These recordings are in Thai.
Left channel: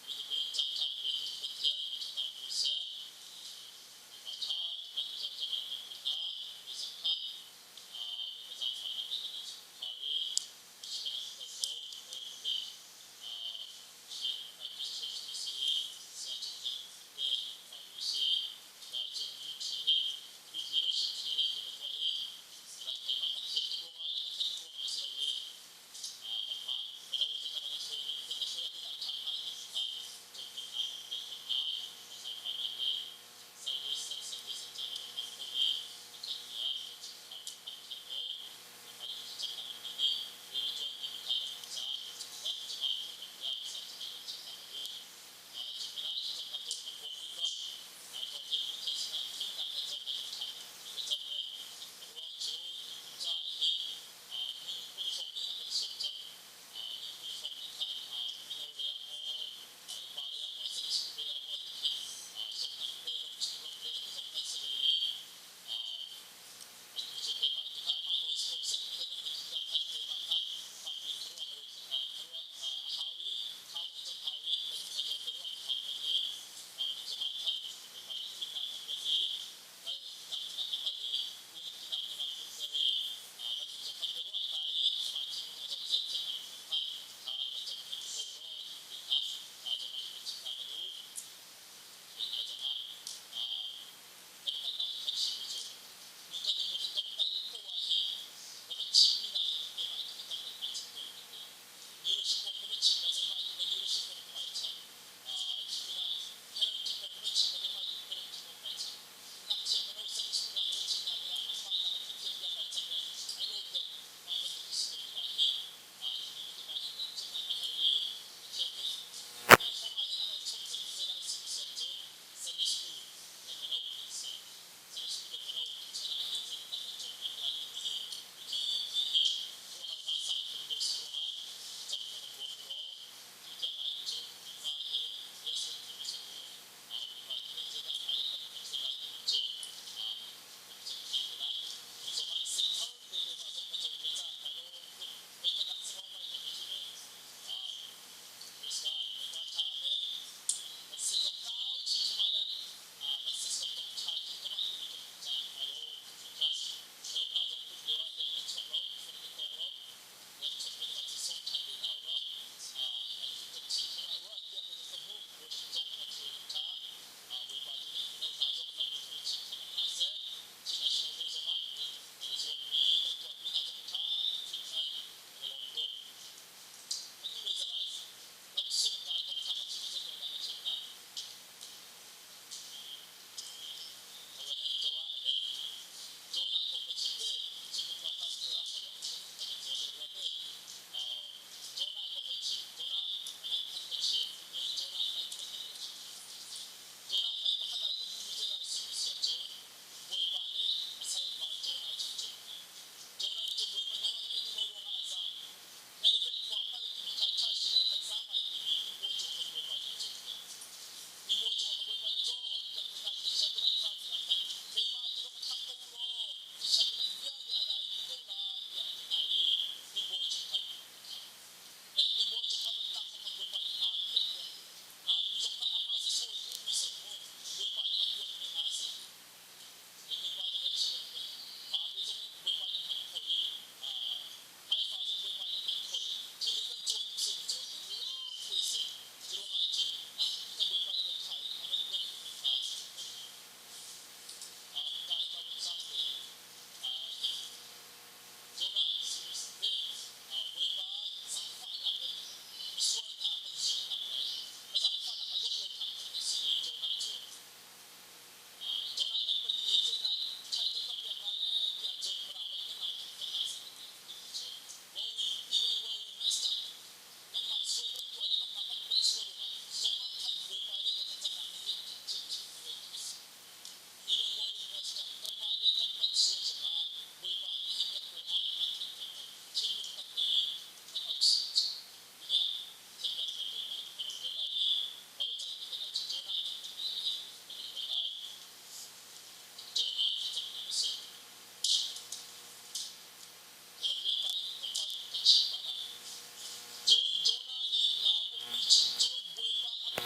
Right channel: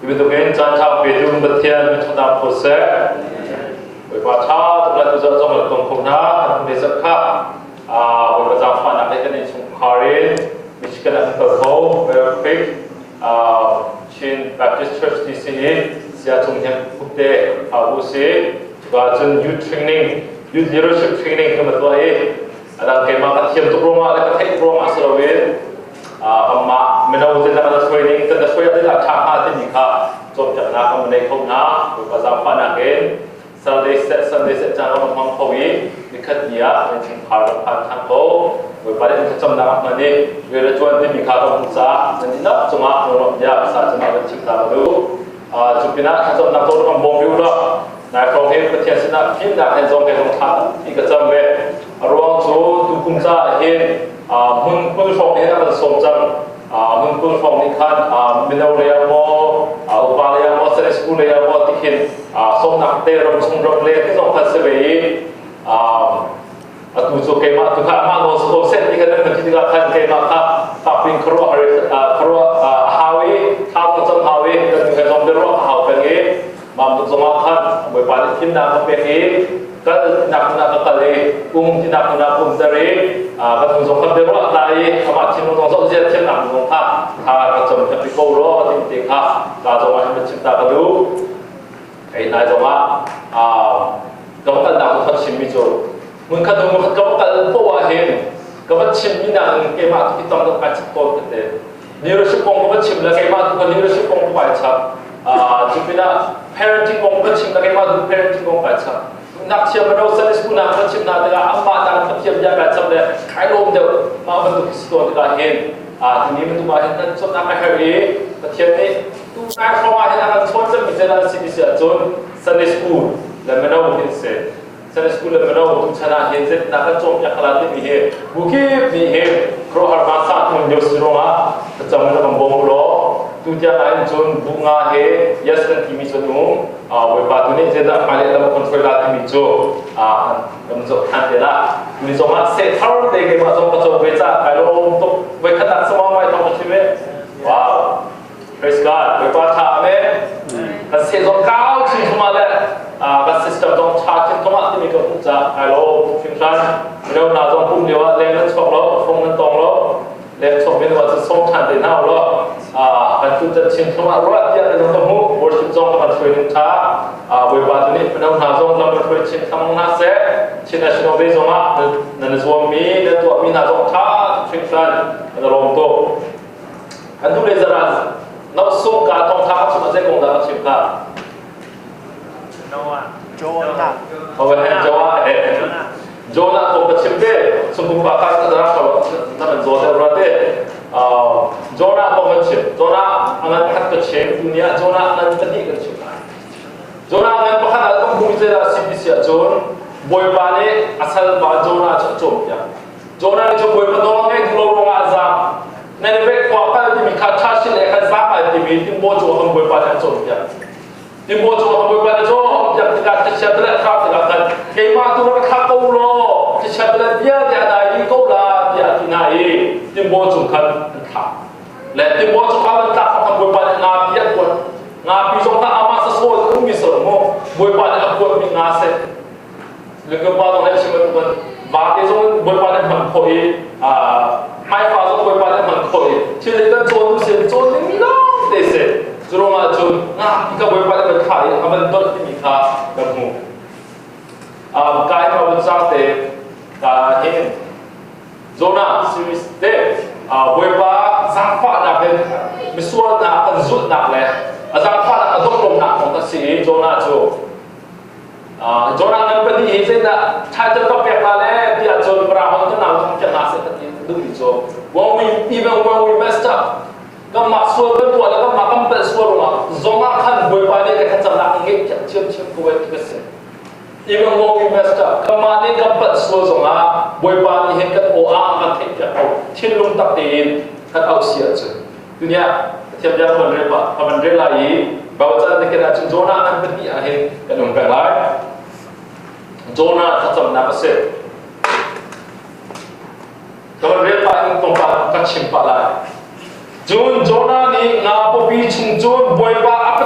Ibu tu kan jangan bedung bertian kita proses. Baca tulah tu jangan jangan tongkong na, besok kah, baca apa nak ikan ini sungkarin, miskin nak terkau, perfect, Chin Baptist Church di sini, saya cungnya putih, abusi, juga jen youth training, youth leadership training kita tu ada kemah katiam tu rumah, ada katiam rumah serawin, amma menau tu ada training, tu ada training ada cakap tu nikah. Jom jangan nak menaikkan na, baca apa nak kan? Sunday set jangan memang kawi, dekat dia macam harapan tangkau, berpada macam nak mana, bila tuan di nikah bangsa, nanti nak cuma orang dia asal cuma bercipta baru, cupina macam nak tahu orang bombi ulah, nak kau hen pertian nak film nak hen zong thang, ikat jam be, ruang tu bangsa hen, mun phong hen nak somjang, mun phong ni kan, minau leya mo. Upaya yang mau sekolah yang mau tikin, somnak terom sumber leh itu sompat sebaik, tu kemah tu kan mak mau set tiga dan nanti tiga kan kemah tapi keruah hawi, macam hawi dan juga somber ruah hawi pergi, mampu semakan berpada tindak pergi, kan nak kali, tindak dari, kan somber ruah tadi, amat cinu tonsok dia tindak mengungkap, macam tapi kau roh tindak kalau macam mencipta baru, ini cuma kalau kan nak buat cimi tu, mungkin kalau kan bawa hen, kalau cimi nak kemat kita tak baca kau kete, leadership kong kalau cimi lagi kemat tu leadership kong baca, jika parenting kong kalau cimi lagi kemat tu parenting kong baca, nak siapa nak usaha sekolah nak cimi nak dengan amma nak siapa dia baca le, kalau dia bentuk historia dia hen, ini bentuk bahan dan so nak hari, macam ni. Nak rumah yang akan sponsor misalnya sini John Sunday School, lemana mungkin se Sunday School lemana untuk cara henset nak jom yang kalau ni he, mungkin ni he, kalau harga satu menjadi serumah, macam mana membonglo, tu dia lain John bunga he, yes dan kimi John berbatu ni jadi paling dalam kontrol kimi John, dalam John antara, ni cuma setahun dek macam macam beca, kalau untuk mereka tak semua macam macam ni, wow. Praise God. Berkata amin. Kasi so kau sih cuma le, kasi sistem dong charging cuma tu mikir punya. Kalau fungsian, kalau nak dong pun dia lepas sok lo, fungsi dong lo, lepas sok ni macam sok cantik nak lo. Kan tu jadi cuma ruat dia dalam temu worship dong macam training ta. Berkata ni kalau nak dong dalam training kamu nase, Cina National Day dong dan suami dan tua mi nak dong ta fungsian dalam tu. Kan tu lezaran. Nak sung ka tong thang cuma saya kong dah cip ka. Jonah. Oh, Jonah kong cip deh. Sungguh bakal terang kalau nama Jonah berarti. Jonah kong cip. Jonah angan pakat kecip dunia. Jonah angan tadi kecip. Jonah angan pakat alam bumi zera sibisia John. Boy bani asal bah Jonah cocok ya. Jonah ni boy penolongnya di lorong azam. Nenebek kuapal di mikata sih lekas sama di timbo jual boy pada jual ya. Timbo jual boy pada jual yang tidak tersiaplah kau tidak kemah tu orang kau lo tersiaplah dia ada iko lah dia tinai timbo jual kan tak. Leh timbo jual kan tak boy pada ngapi pun ngapi jual tak amat sesuatu tu misal mo boy pada aku minase. Lepas pada orang semua tu kan bagi jual boy pada mengkoi mai phá giống với bạn em khởi chỉ lấy cái trốn xem trốn những đó để xem rồi mà trốn cái với bạn em khởi mình tốt thì mình khá được không cái mà mình sang để hiện zona series để với bạn sang phát là bên mình xuân là cần rút nặng này sang phát là đông lồng nặngของ ta sĩ zona chỗ zonaนั้นเป็นที่เห็นนะถ้าจะต้องแปลมาแล้วที่อาจจะปราบมันก็นำจะหาเสร็จSo even when we messed up, kan masuk betul, kan makam betul rumah. Zona kan berpada dekat jalan ini cium-cium kuat kita. Even when we messed up, kemana kan betul zona berpada dekat orang kan tidak tahu. Cilung tak tin, kan ausia je. Dunia tiap jam penerima lagi, bawa jalan dekat zona kan berdi akhir kan umpan lain. Zona tak macam apa sih? Kalau mereka ingin tempat kacim palai, Jun Jonah ni ngapo pi chung Jun boy pa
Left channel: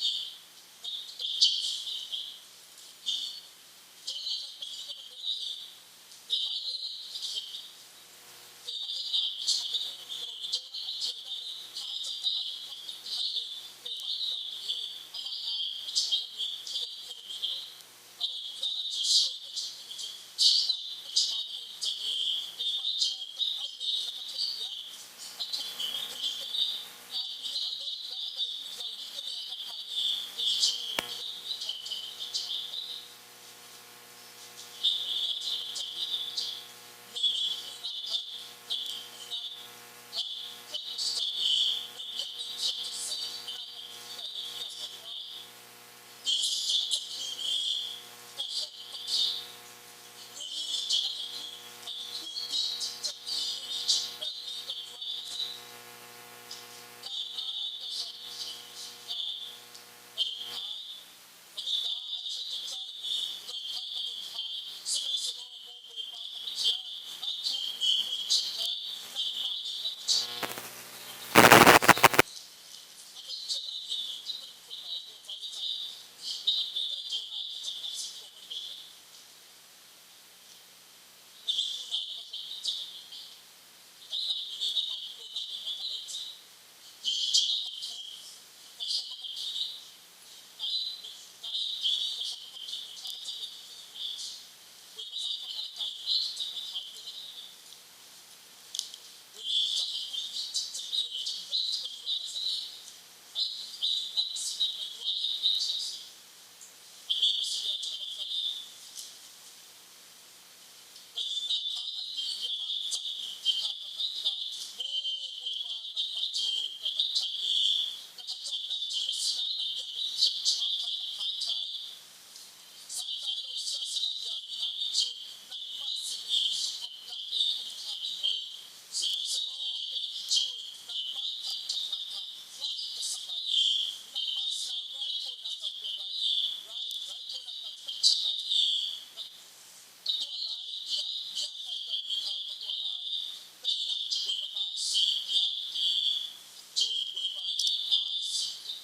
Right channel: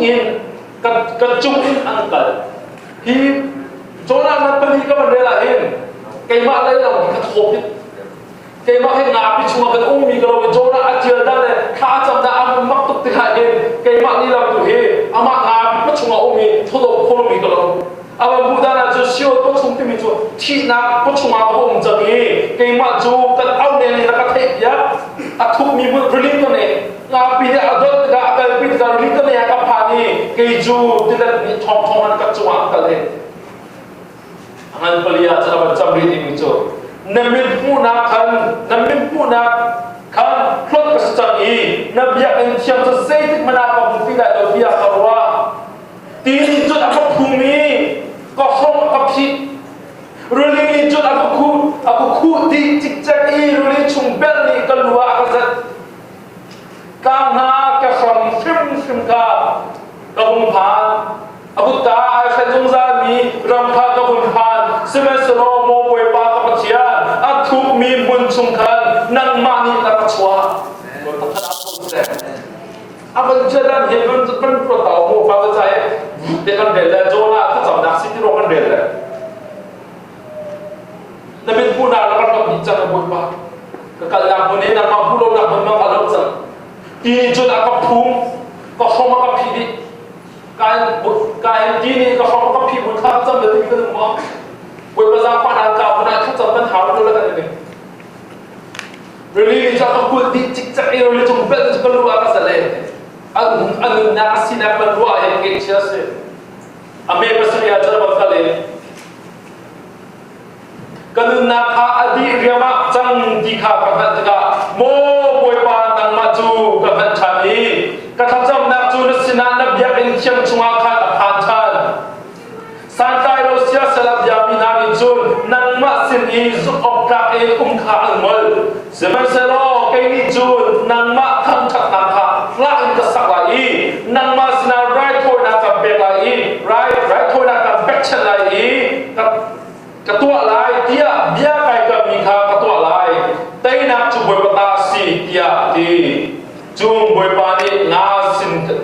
in ka chung in angkal hi Jonah na pali ka man rela hin kay ma lai lang ka thopit kay ma kay ngapi chunga ka ummi ka lo Jonah atil da le kha cham da am mak tuk ti ha hin kay ma ni lam tu he ama ngapi pa chunga ummi thodo kholo mi ka lo ama buda na ju sio ko chung ti mi chu thi na ko chunga ko um jang hi kay ma ju ka au ne na ka thei ya a thup mi bu rling ko ne ngapi ne adot ga ka pi ka rling ko ne ka pha ni kay ju ti da ni thong thong an ka chunga ka le angan pelia cara macam ini muncul. Namin puna kan plot kesecangi. Nabi yang siam sesetik menapa bukti dah dia karwa. Tinjut apa bumi kosong kapsi. Ruli jut aku ku di cicak i ruli cumbel ni keluar kasat. Karena kesam film ka kehumpan. Aku tak sejung zami rampa kehumpan. Semesro mo boy pa kapatian. Aku mi muncungkan nang mani tak kacua. Apa jalan heaven kan protau mo pada saya. Dengan bela Jonah tu samdak sini rokan bela. Nabi pun ada orang bicara boy pa. Kekalang pun ini nama pulau nak memang kalau sang. Ini Jonah kapung kosong kapidi. Kain kini kosong kapi pun tak jam betul betul mau. Buat pasal panas kau pun tak jam kan hal tu lah kan ini. Really jatuh kuat di cicak ini oleh cumbel keluar kasale. Anu nasi nak keluar yang kecil se. Ame pasal ya cara bakale. Kalau nak adi riama jang dikha kahat juga. Mo buat panang maju kahat cami. Kahat jam nak tu nasinan nak biar siang cuma kat pantan. Santai Rusia selap jamin hari Jun nang masin izuk oprak kha angmol. Zaman selo kini Jun nang mak tham chat nakha lain kesak lagi. Nang masina right thôi nak bek lagi. Right thôi nak bek chen lagi. Ketua lai dia kai kami kha ketua lai. Tai nak cuba batasi dia di Jun boy pani ngasina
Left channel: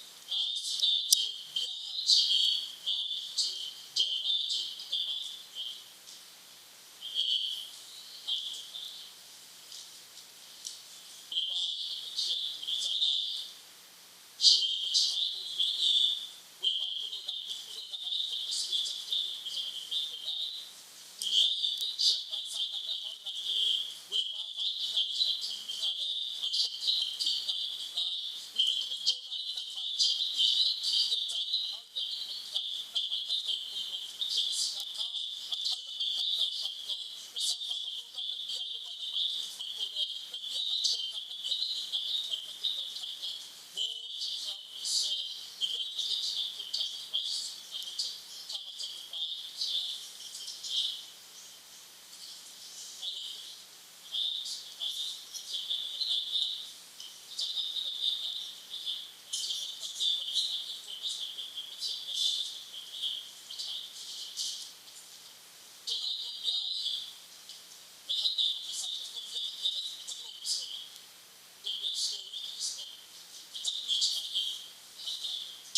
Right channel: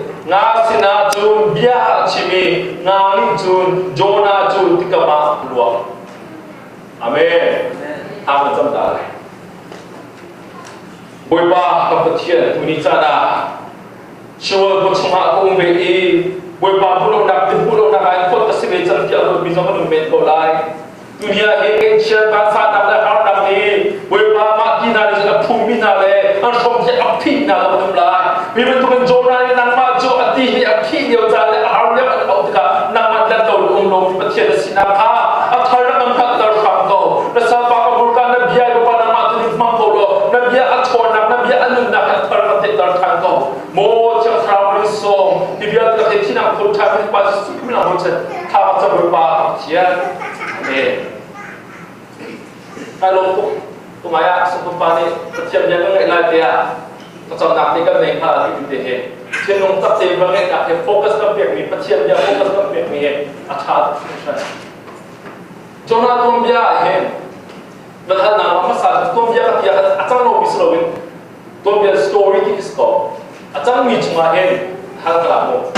Jun biar cimi ngali Jun Jonah Jun tikama luang. Amin. Amin macam dah. Boy pa kapatian tuni cara. Sure bercuma aku umbi. Boy pa pulau nak kain kot kesini cantik aku bisa menumit kolai. Dunia ini cia bahasa nak nak ni. Boy pa mati nari sudah bumi nari. Ansom je api nari menumlai. Biar tu kan Jonah ni nang maju hati ni api dia jalan arnya kalau tidak nang mandan kau umlom percaya sinaka athar nak angkat darham kau rasa pakabulkan nabi ay ko nang matu ni mangkolo nabi athor nabi anu nak athar mati darham kau mo chang travel song biar tak ketina pun tak pas sukuna macam tak macam berapa cia kalau tu maya sepupa ni percaya jangan ngelai dia macam nak ni kan mereka hidup deh. Cenderung tak terbangun nak fokus ke pihak ni, percaya dia fokus ke pihak ni, acah. Jonah tu dia berhal nama masalah tu dia dia acang lo bislowin, tu dia story kisah. Acang ni cuma hal kelamu.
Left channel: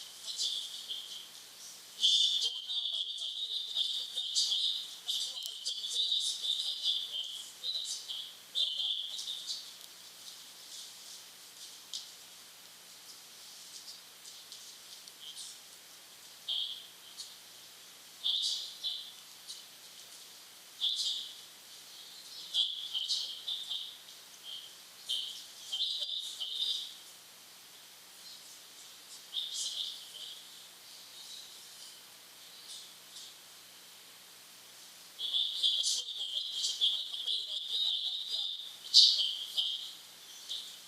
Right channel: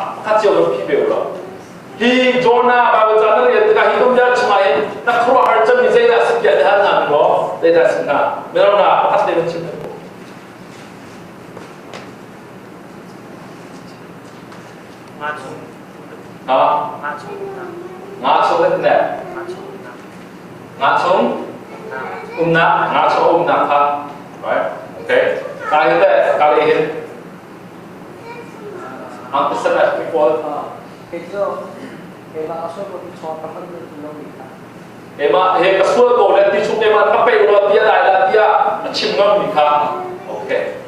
Kacau lo pibe lo. Hi Jonah bawa jalan dia tengah hidup dia cuma nak keluar harjam ni saya dah sekian hal nama lo, saya dah senang. Mereka nak pas dia macam ngacung itu ne? Ngacung ha, right? Okay. Kali ini, ang pesan aku pun. Itu, asal kau cakap apa ni belum kita. Kasut kau lihat di sini mana kape ulah dia dia cimam nikah. Okay.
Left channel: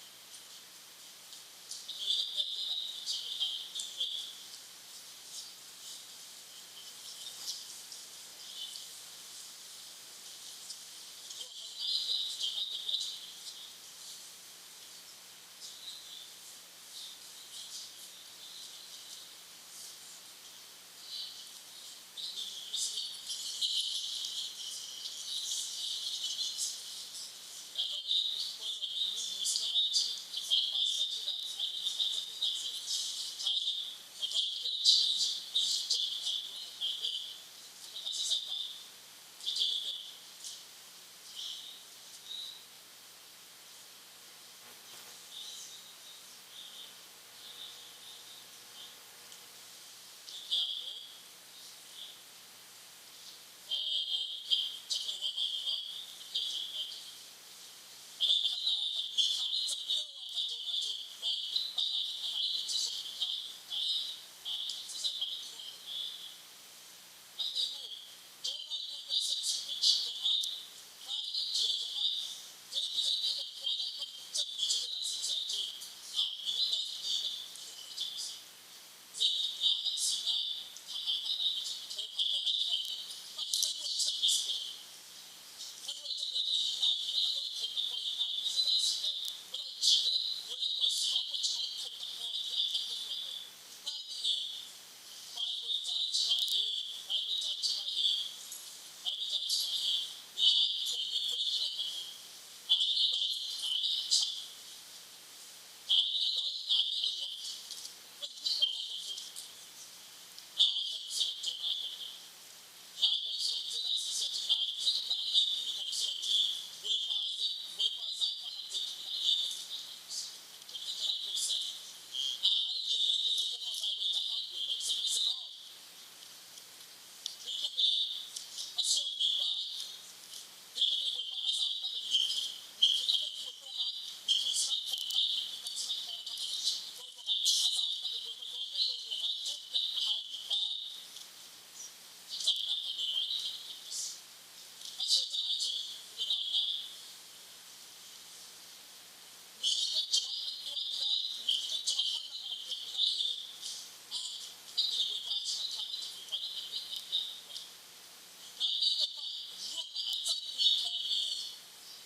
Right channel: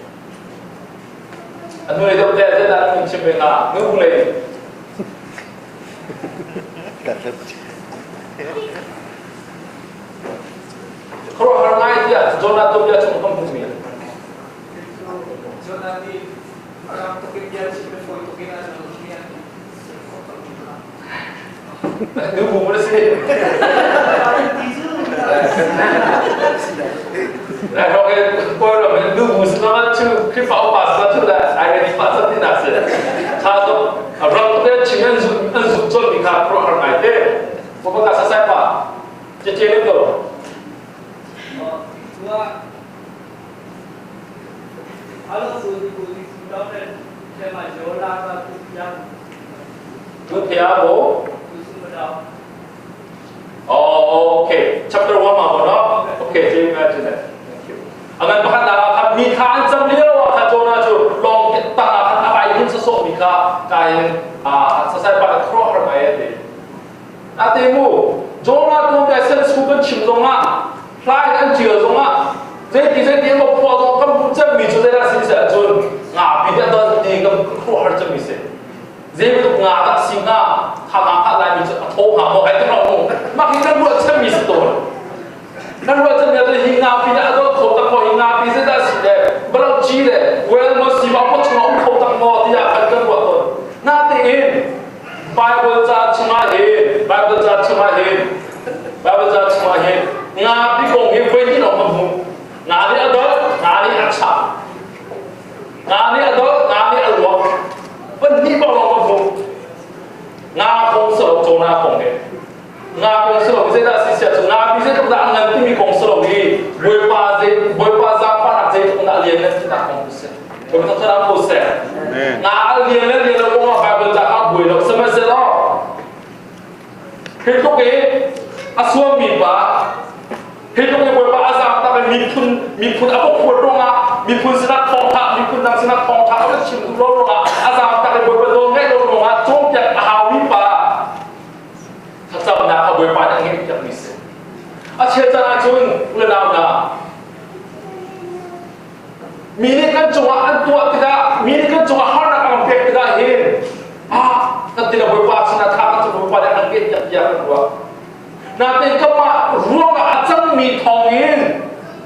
Anu itu dia dah mencim mereka, ngulai. Kalau orang dia, Jonah tu dia cuma kampung ni. Jonah ni orang tu kerja sih berfoto kena dunia. Itu boleh sih. Kalau kau orang itu musim nama tu, kita apa pasal tu dah, ada di pasal ni nasi. Kalau Gua kalau sulit sudah saya maju lah yang Good Thiago. Oh, okay. Chapter 1 มาบ่เนาะ Okay, จริงๆจริงๆ Thank you. อันนั้นพัฒนาครับมีทางจำเลี้ยวค่ะโจนาจูลองตั้งอะไรขึ้นสดๆมีค่ะกายสายปากครอบอะไรเด็ดอาเตมูโจนาตัวใหญ่เส้นสุกันชิมตรงอ่ะพลายอันเจือตรงอ่ะเจ๊ที่ก็พอตรงก็จะมีจุดได้สิ่งเสียจนปีเดียวตอนนี้ก็ครอบจะมีเสียเจ๊ไม่ต้องตัดสิ่งทำอะไรมีจุดโทรหาหมอให้ต้องรู้มาคิดกันว่าจะมีสตัวนั่นว่าจะมีอะไรหิงาปีนั้นก็เขาตั้งหมอหิงาปีเสร็จได้สิเด้บลจีเด้เวลมาสิมาพูดถึงเขาตั้งหมอที่อยากกันว่าตัวน่าตีอินไบเบิลจะชมาเห็นไบเบิลจะชมาเห็นไบเบิลจะชมาเห็นงาพี่คงเห็นเวทีเรามาบุงานนี้อดอลงานนี้อัชชางานนี้อดอลงานนี้อลวกวันนี้บอกเรามาบุงาคงสลบโจนาคงเห็นงาคงสลบพิเศษได้สิเสียจงาพิเศษตรงนั้นเงินที่มีคงสลบดีบวยปาซาปานักเจตรงนั้นเรียนนั้นที่นักคงพิเศษผมต้องทำโปรเซสงาเรียนแล้วก็มาไปจากอาบุยแล้วสมัยเสร็จแล้วเห็นตรงนี้อาสวมีปะเห็นตรงนี้บวยปาอาซาแต่เป็นมีคุณอาบุควรตรงอ่ะมีคุณสนับทองทับมีคุณนางสนับทองทับแล้วชิมคุณร้องอ่ะอาซาแต่เป็นบวยปาโดนให้ลงอ่ะจงจากหาวิปาถ้าจำนะขบวยปาอย่างนี้จะมีเสียอาเชื่อใจจนเรื่องนั้นนะมีนี่กันจังหวะอันตัวติดามีนี่กันจังหวะฮาร์ดอันเป็ดติดาเห็นนั่นติดาบวยปาชนะทางจะบวยปาอย่างนี้อยากรู้ว่านั่นเป็นก็มาร่วงอาจจะมีทองเห็น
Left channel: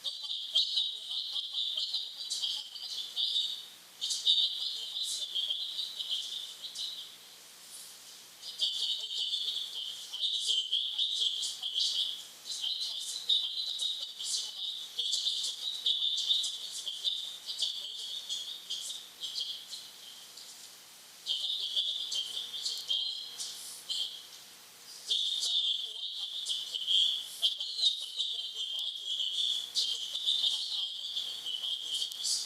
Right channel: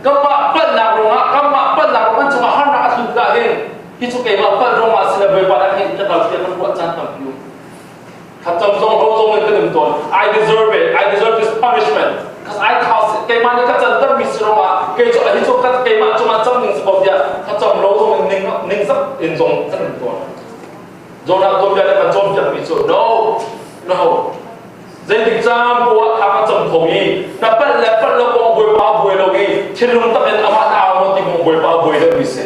ก็มาเปิดหนักลงอ่ะก็มาเปิดหนักลงจังหวะฮาร์ดอันสุดได้เห็นที่สุดเองมาเปิดลงมาสินะบวยปาอย่างนี้จะเราเชื่อมันว่าจันทร์อยู่ถ้าจำทรงมันก็เดิมตัว I deserve it I deserve this punishment because I caused it เกมันนี่ก็จะต้องมีสิ่งว่าเกจอะไรที่จุกก็เกมันจุมันจำหนึ่งสปอร์ตเนี่ยถ้าจำเราตรงหนึ่งสักอินทรงสักหนึ่งตัวโจนาตัวใหญ่มันจมจะมีส่วน no no เจนติจามบัวทำจำทงอีนับเป็นแล้วเป็นเราบองบวยปาบวยเราอีที่ลุงตะเป็นอามาตาโมติบองบวยปาบวยเราอีเส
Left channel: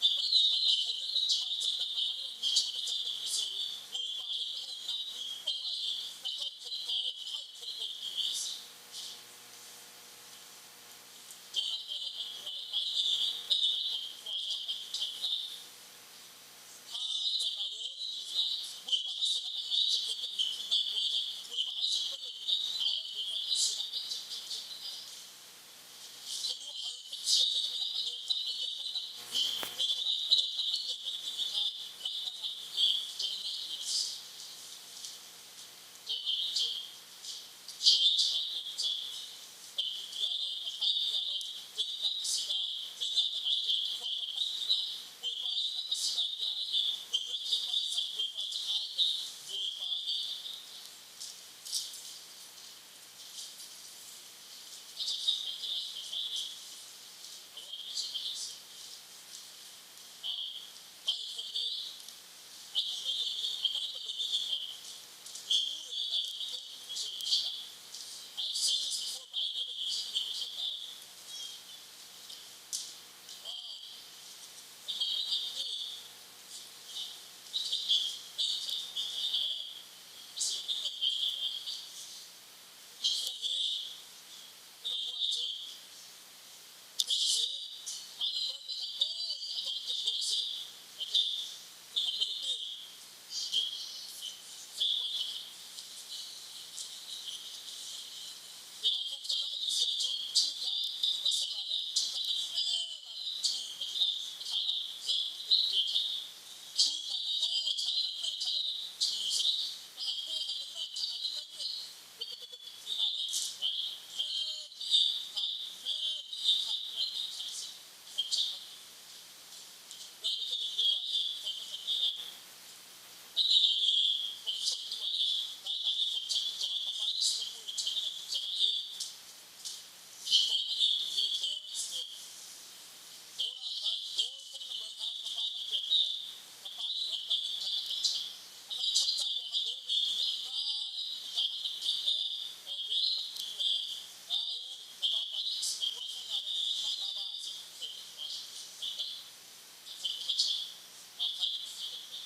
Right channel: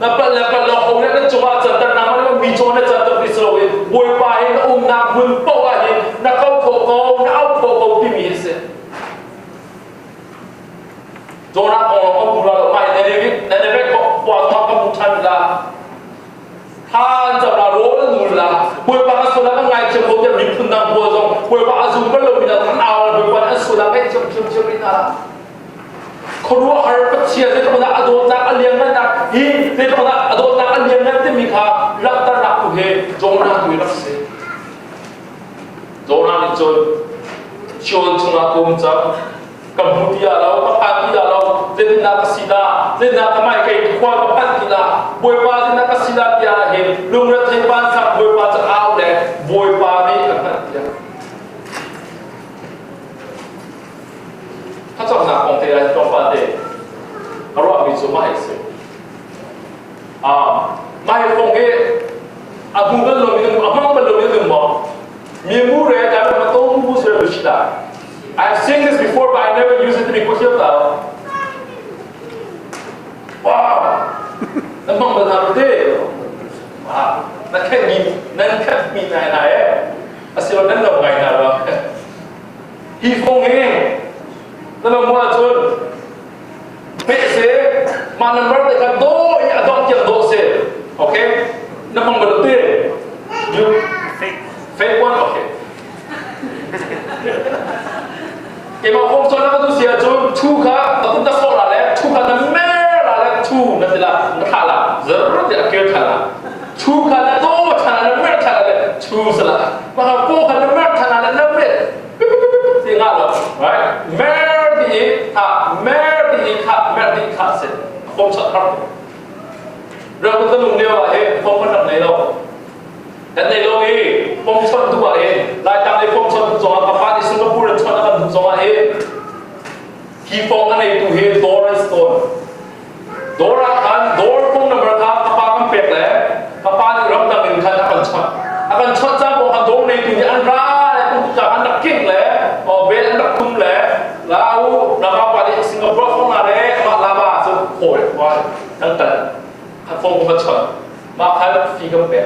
นับเป็นแล้วเป็นเราคงเนี่ยจุมาจันทร์น้ำมันมีโจนจันทร์พิศเราอีบวยปาเห็นอุ้มน้ำหุ่นโป้เห็นนักเขาโคโก้นักเอาโคโก้ที่มีเสโจนาของเราบุรุษไม่ในนี้ก็ปวดท้องกับมุชันละท่านจะมาโรนนูละบวยปาสุนัขไงเชื่อผมจะมีพุนดังบัวจงบวยปาอาซูก็เลยมีแต่ทั้งเอาบวยปาอันสุนัขไม่เชื่อนี่นะคนรู้ฮาร์ปเชียร์ที่ตรงนั้นอโดนจากอันเลี้ยงนั่นนะฮีที่ตรงนั้นอโดนจากอันเลี้ยงนั่นที่มีค่ารักตระหนักตัวเองโจนาตัวรักเสียโจนานี่จนชวนชนะกุมจับกับมุติยาเรากับพันธิยาเราเจตนาศิลาเจตนาทำไมใครควงกับพันธิลาบวยปาเจตนาศิลาที่อะไรเห็นลุงรัฐบาลสับบวยปาจะเอาเลยบวยปานี่กับพันธิยาถ้าจำหนักของเทระที่ต้องฟังเด็กเราว่ามีจุดไม่เสียไม่ฟงเอ๋อาบุญเป็นลมยังอามังเป็นลมยังมองมีมูเรแต่ไม่ต้องมูเสือบุษดาI've seen this before, but I never use it to be pushed out. Wow! Nampak benar betul. Wow! Nak kan mi nai asyik orang nak ngai nak. Hi fong he. Nama mua jun. Pese mana mereka dekat do, ya dong yang do se. Okay? Nampak betul. You fake one, okay. Kema kong so na kadu siya jo tu ka tatun ta so la le tu ka na me la le tu na tila na khala zero dia ke khala tu ka na do thana na me khala le tu sala ma ka ko ka na me thana na me ti nga lo right me di kha se kong so kha ra ko ta lung le wa he kong ka na nei loแต่ในโลกนี้ผมชนตัวเองรายการในผมชนตัวกับฟ้าในสิงคโปร์ชนกันตัวเองที่ฟงกันในตัวเองดอร์สโตนดอร์กันดอร์ฟงนั่นเป็นครับกับฟ้ามันเป็ดเลยกับฟ้าในรับดังหนึ่งคันอาการชนจ้าบอกกันดอร์ในตัวนี้อันร้ายผมจะอันดับกิ้งเลยเบลอันดับคุ้มเลยแล้วนะครับวันนี้สิงคโปร์ phong mà chọn mà khai phi cầm bẹt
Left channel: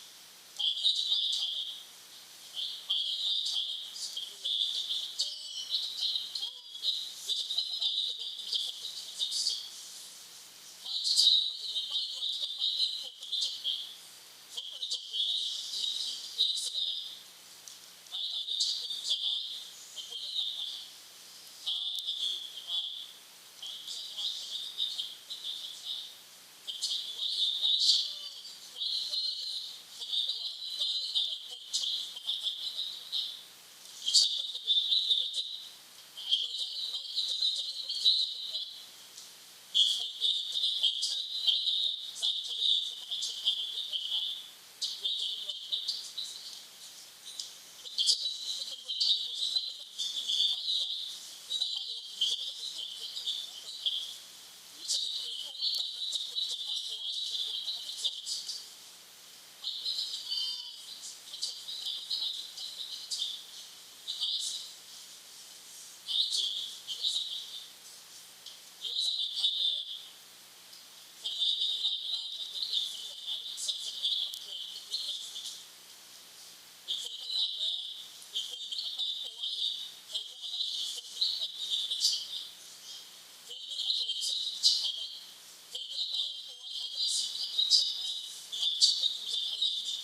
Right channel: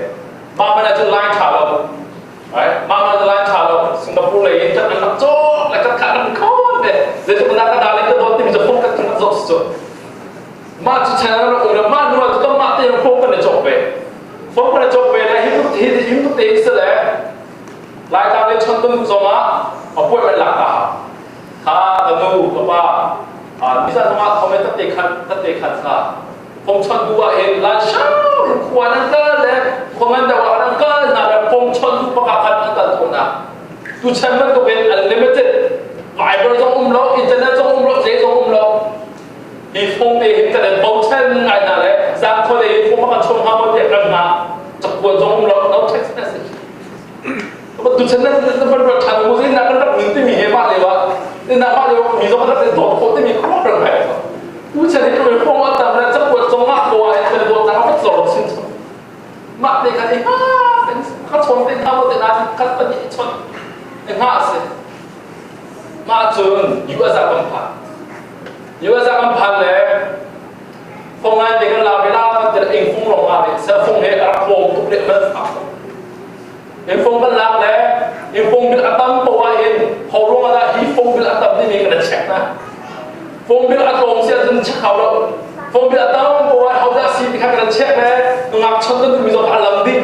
mà mình là chọn line trả lâu mà mình là line trả lâu Singapore này chắc là chốt là các khả năng khó để chúng ta đã lên cái đó thì mìnhจะphong cách chúng ta dốt rồi mà chỉ chả là ở mà nóจะต้องมาเตะphongกันเลยจบไปphongกันเลยจบไปนะหิมทุกทีเสร็จแล้วรายการเลยชนต้นกุศลมาเอาป่วยเป็นหลักอ่ะถ้ากันดูก็ว่ามิสันมาเขาไม่ตัดเตะขัดซะผมชนดูว่าเองลาชาควรนั่งก็เลยคนมันแต่ว่านั่งก็น่าจะผมชนดูประกาศขัดนั่งก็ตัวน่ะดูเช่นมันก็เป็น unlimited หลายบริษัทเราอินเทอร์เน็ตเราเจ๊เราอีฟงเองแต่เบาเช่นไงนั่นแหละสามคนเองฟงมาชมเขาเด็กกันนะจับกวนเรา text message ก็ดูเช่นนั้นมันแบบทันมุสินักก็รับหนึ่งที่มีเยอะมากเลยวะนี่นักมากเลยมีสองคนเป็นตัวโคตรที่มีครอบครัวแบบผู้ชายที่เป็นฟงว่าแต่ละจับกวนจงมากตัวเป็นตัวแต่เขาก็สอนชิ้นมากเลยกันเองเป็นเขาชนเป็นเขาแต่นาทีเขาเป็นชนเองสิมาจนอยู่อาศัยกันผ่านอยู่อาศัยกันผ่านเลยฟงนั้นเด็กเราเวลาจะเองฟงลงมาเนี่ยเสือฟงเนี่ยรับโฟมทุกเด็กมันฝักเองฟงกันลักเลยเองฟงเป็นอัตมตัวเองพอลงมาแล้วฮีฟงเป็นอัตมที่มีกันเช็คนะฟงเป็นอัตมเสียจนเช็คเขาแล้วฟงเป็นอัตมตัวเขาจะซีที่เขากันเช็คเลยงักชนกันมีสองอันลำดิ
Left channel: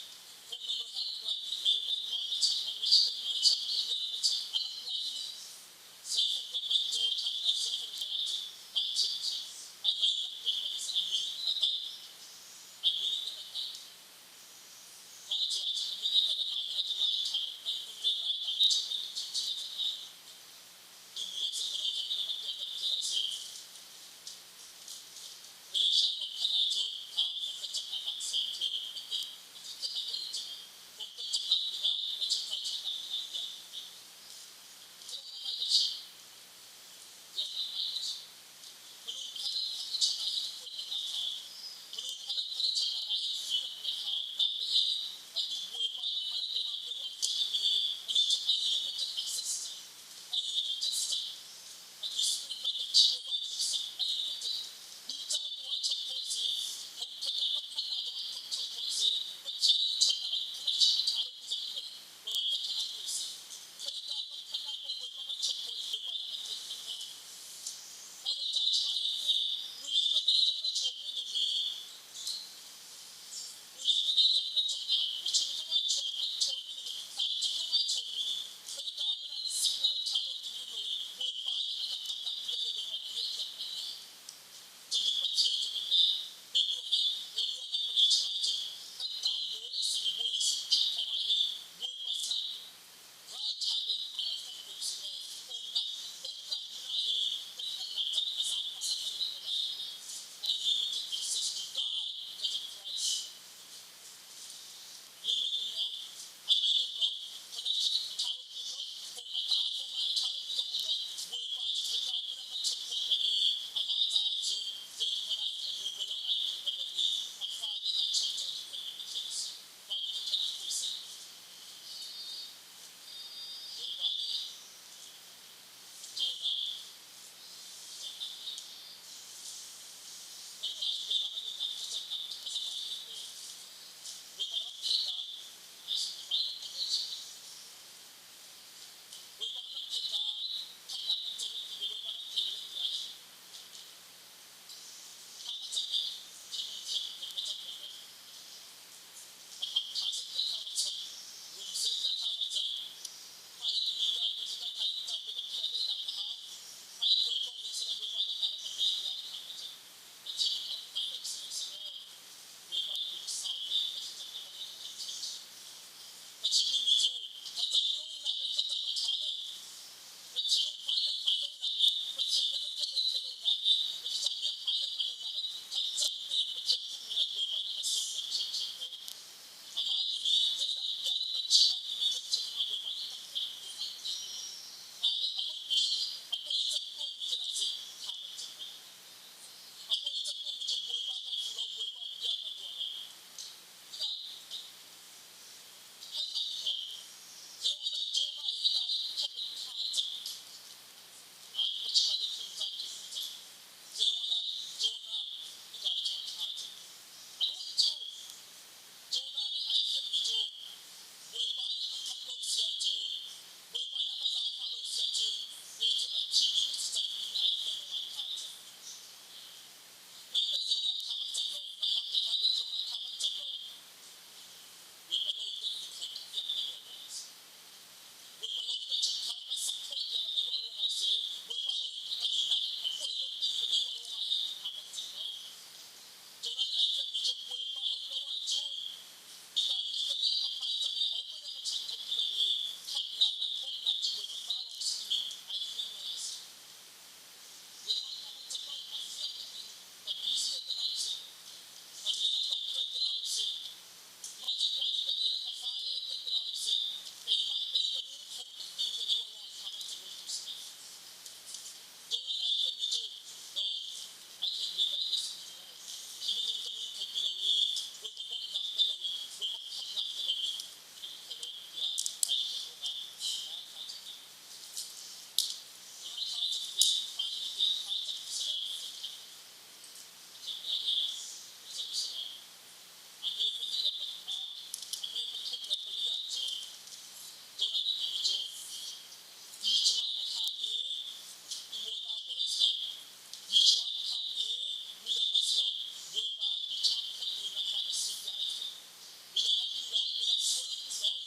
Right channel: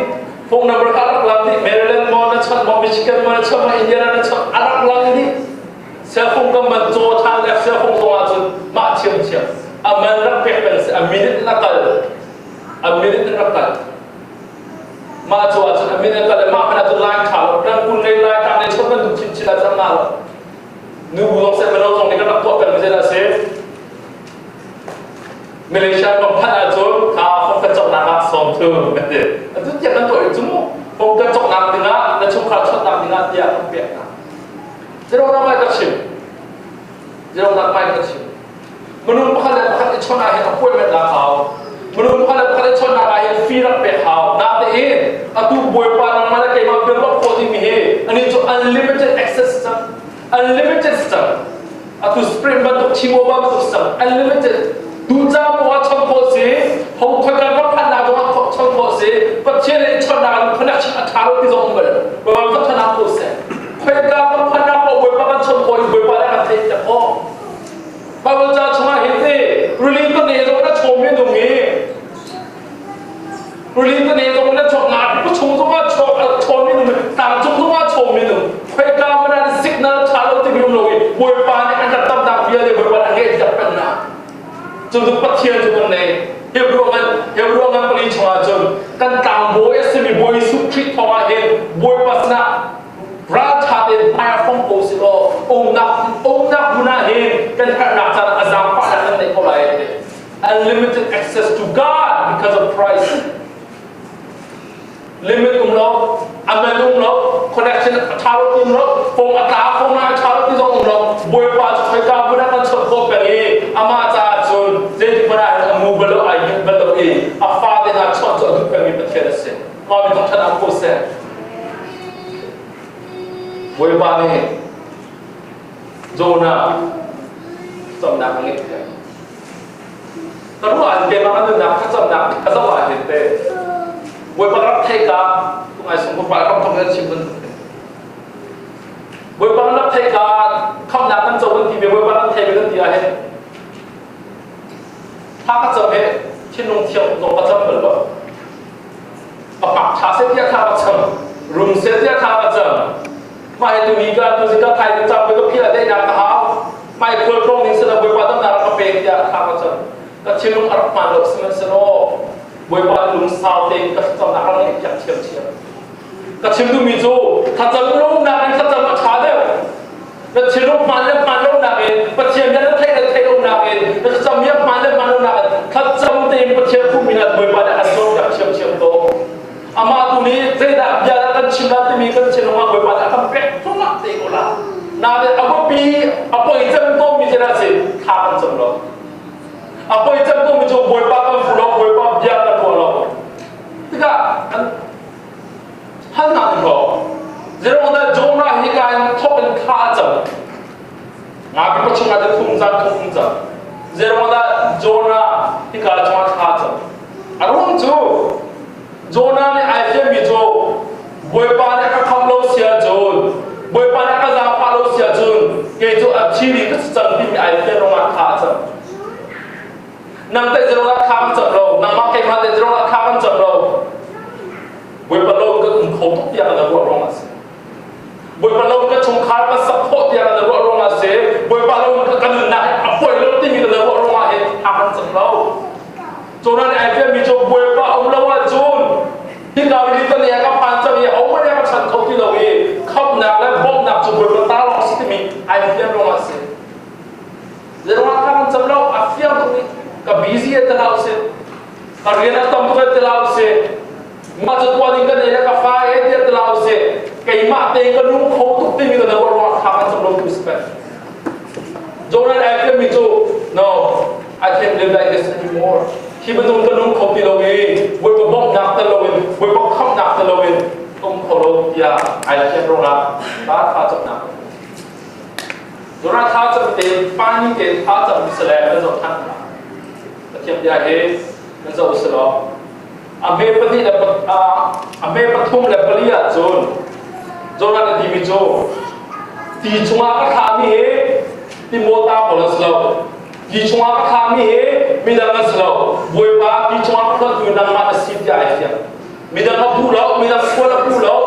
ฟงนับรักลำดิเมริแลนด์มอนัชนมอมิชิกันมอนัชนมออินเดียนัชนอักลำดิเสือฟงก็มันโจทานแล้วเสือฟงตรงมาจนมาเชี่ยวมันรักเป็ดเป็นสิมินินักกันมาจวดจนมินินักกันมาเป็นตัวไล่ข่าวนั่งคุณเล่นไล่ทางในชนกันถูกชิลจังมาแล้วนูบุลงเซเป็นเราตรงนี้ก็รับตัวเป็นไม่ใช่ละเซฟมาเลเซียก็พัฒนาจนข่าวคงกระจกน้ำสองเท่าไม่ได้ทุกอย่างนั้นตัวอีกจุ่มคงกระจกน้ำดีนะและชมข่าวชนน้ำดีนะเดียวต้องเปลี่ยนนะจะเราไม่กระชิมมนุษย์พวกเราพวกเราชนอะไรต้องป่วยเป็นราเขามนุษย์พวกเราชนอะไรฟีรับเป็นเขานาแต่เองตัวป่วยปานมาแล้วแกมาเป็นว่าคนที่มีอันนี้จะ unlimited access system unlimited system ตัว spring มันตัวชิวบ้ามันตัว system unlimited ดูจ้าบอกว่าชนโคสีเขาคุยกันว่าพันนาบอกว่าชนโคสีประเทศนี้ชนนาพนักชาติเขาที่ส่งมาเลยว่ามันต้องชนะโคสีคุยกันว่าพันนาบอกว่ามันชนโคสีว่าได้กันเต็มจะพอบางเจ้าชมาเห็นดิรูลินก็เนี่ยตรงนั้นชมไม่ตรงนี้รูลินก็เนี่ยตรงนั้นชมงานผู้ชมตรงว่าชมไม่ตรงนี้ต่างชมตรงว่าชมไม่ตรงใครกล้ามันได้สิกนัลชาโลที่มีลงอีกบวยปานเนี่ยอันดับต่ำๆเยอะเลยบวยปานอะไรจะเป็นนะจนถึงปัจเจียนจนตรงนี้เฮบรวมันปริชวาจนกันต่างบวยสิมีบวยสุขิตทว่าเห็นบวยปัสนะราชาเดินไปฟ้องโอซิโลองนักบุญเห็นกันขนาดจะอาจารย์ปาดันในคนไร unlimited access to God because of Christ limit เราอเมริกเรา connection ชาวเราฟงอัตราฟงนาชาวที่ส่งเราบวยปาใครกล้าบุญกันชดโคเป็นเออามาจาจนเจดีบุญอามูเบลอายุเบลเออาฟาเดน่าชดจนเป็นมีประเทศเสียมาเป็นต้องชนะโคเซ่บวยปานี่โจนาจำนักเงี้ยแต่รู้ว่าเกมมันนึกนักก็จำนักก็สบายเห็นเต้บวยปารับเทกาตรงไหนสมบูรณ์ไปรับทำเงินชิมมันบวยปารับเทกาข้ามนักนั่นโจวันที่บวยปารับเทไปตั้งที่อะไรถ้าก็จำเป็นที่นุ่งเที่ยวลงก็จำเหมือนว่าปากชาเสียที่ข้าก็จำรุ่งเสียที่ข้าก็จำมาให้ตัวนี้กันตัวสิกันไทยจับไปก็พี่ละได้ยังกะฮาวไม่เคยตรงนี้สนับสนุนว่าต้องการกระเป๋าที่ข้าก็จะก็ชิลุงอัลมาลกสมัยสโนบวยปานลุงสาวเต็งก็จำนักอะไรอย่างเชี่ยวก็ชิมดูมิจูถ้าจำลุงนักถ้าจำมาชาเดียวก็ชิลุงมันเล่นมันลุงนักเองปัจเจียนยันเทลุงนักเองก็จำเมียมันเล่นมันลุงนักถ้าจำเต็งปัจเจียนผู้มีนัดบวยปานอันโซ่อย่างเชี่ยวโตอามาตัวนี้เจ๊ดับยาแล้วกันชิมนัดที่มีกันชิลุงมาบวยปานอันเป็ดทุกนัดเต็งกูละนาเดอภิปีอภิจำโตมีเจริญสิข้ากันจำเราอภิจำโตมีจูบวยปานกันฟูเราบวยปานยากันตัวเราที่ก็ฮันนัดเราเจ้าวันนั้นโจนาฮิการทบเป็นข้าจำงานพิพัฒน์จะทุ่งจันเจ้าวันนั้นโจนาฮิการจะมาข้าจำ อารมณ์จูโจนาเนี่ยไอ้เจ้ามีจูบวยปาเนี่ยก็คำเราเสียจูบวยปาเนี่ยก็จะพาเราเสียจูเกี่ยวกับอาชีพก็จะจำที่มีไอ้เจ้าลงมาขาจับนั่งแต่จะลงมาขาจับเรานั่งมาเก็บมาแต่จะลงมาขาจับเราบวยปาเราก็อุ้มเขาทุกอย่างในรัวลงมาเสียบวยปาเราก็ชงขาก็สับโคตรอย่างในรัวลงมาเสียบวยปาเราก็กันหนักอ่ะป่วยเราที่มีในรัวลงมาเห็นขาจับเราโจนั้นไอ้เจ้ามีจูบวยปาอุ้มเราว่าจูนที่เราดีตอนนี้ก็ผ่านจะมีเอาไม่ได้ก็ฉันเขาที่เราเองเข้าหนักและบ่มหนักจนบวยปาตาเราสิที่มีไอ้เจ้าลงมาเสียเรื่องว่าการจำเราอัฟยาตรงนี้ก็บิซี่ตลอดเสียการเรียนต้องตัวตลอดเสียมาจุดวันนี้ก็เนี่ยก็ฟ้าเอเดียตลอดเสียก็อีมาเตงก็นุ่งเขาทุกที่มีแต่เราว่าการจำเราทุกสเปซโจนั้นไอ้เจ้ามีจู no I can't live like this anymoreที่มันนุ่งก็นุ่งเขาที่เราเองบวยปาบ่มหนักตลอดบวยปาเข้าหนักตลอดต้องเขาเราอย่าไอ้เจ้าลงละบ้าข้าจับหนักโจนั้นข้าจับเต็มป้านี่เต็มข้าจับมิสเลมันจะทันแต่เทียบยาเฮมันจะอุศลอเมปฏิและอเมปทุมและปริยโจนั้นที่มีโจที่ชงอาก็ขามีเฮที่โมตาปนสโลที่ชงอาก็ขามีเฮมีดังสโลบวยปาที่ชงอาก็คือนังมาสิทธิ์ใหญ่เสียมีดังมาพูดแล้วมีดังควรพูดแล้ว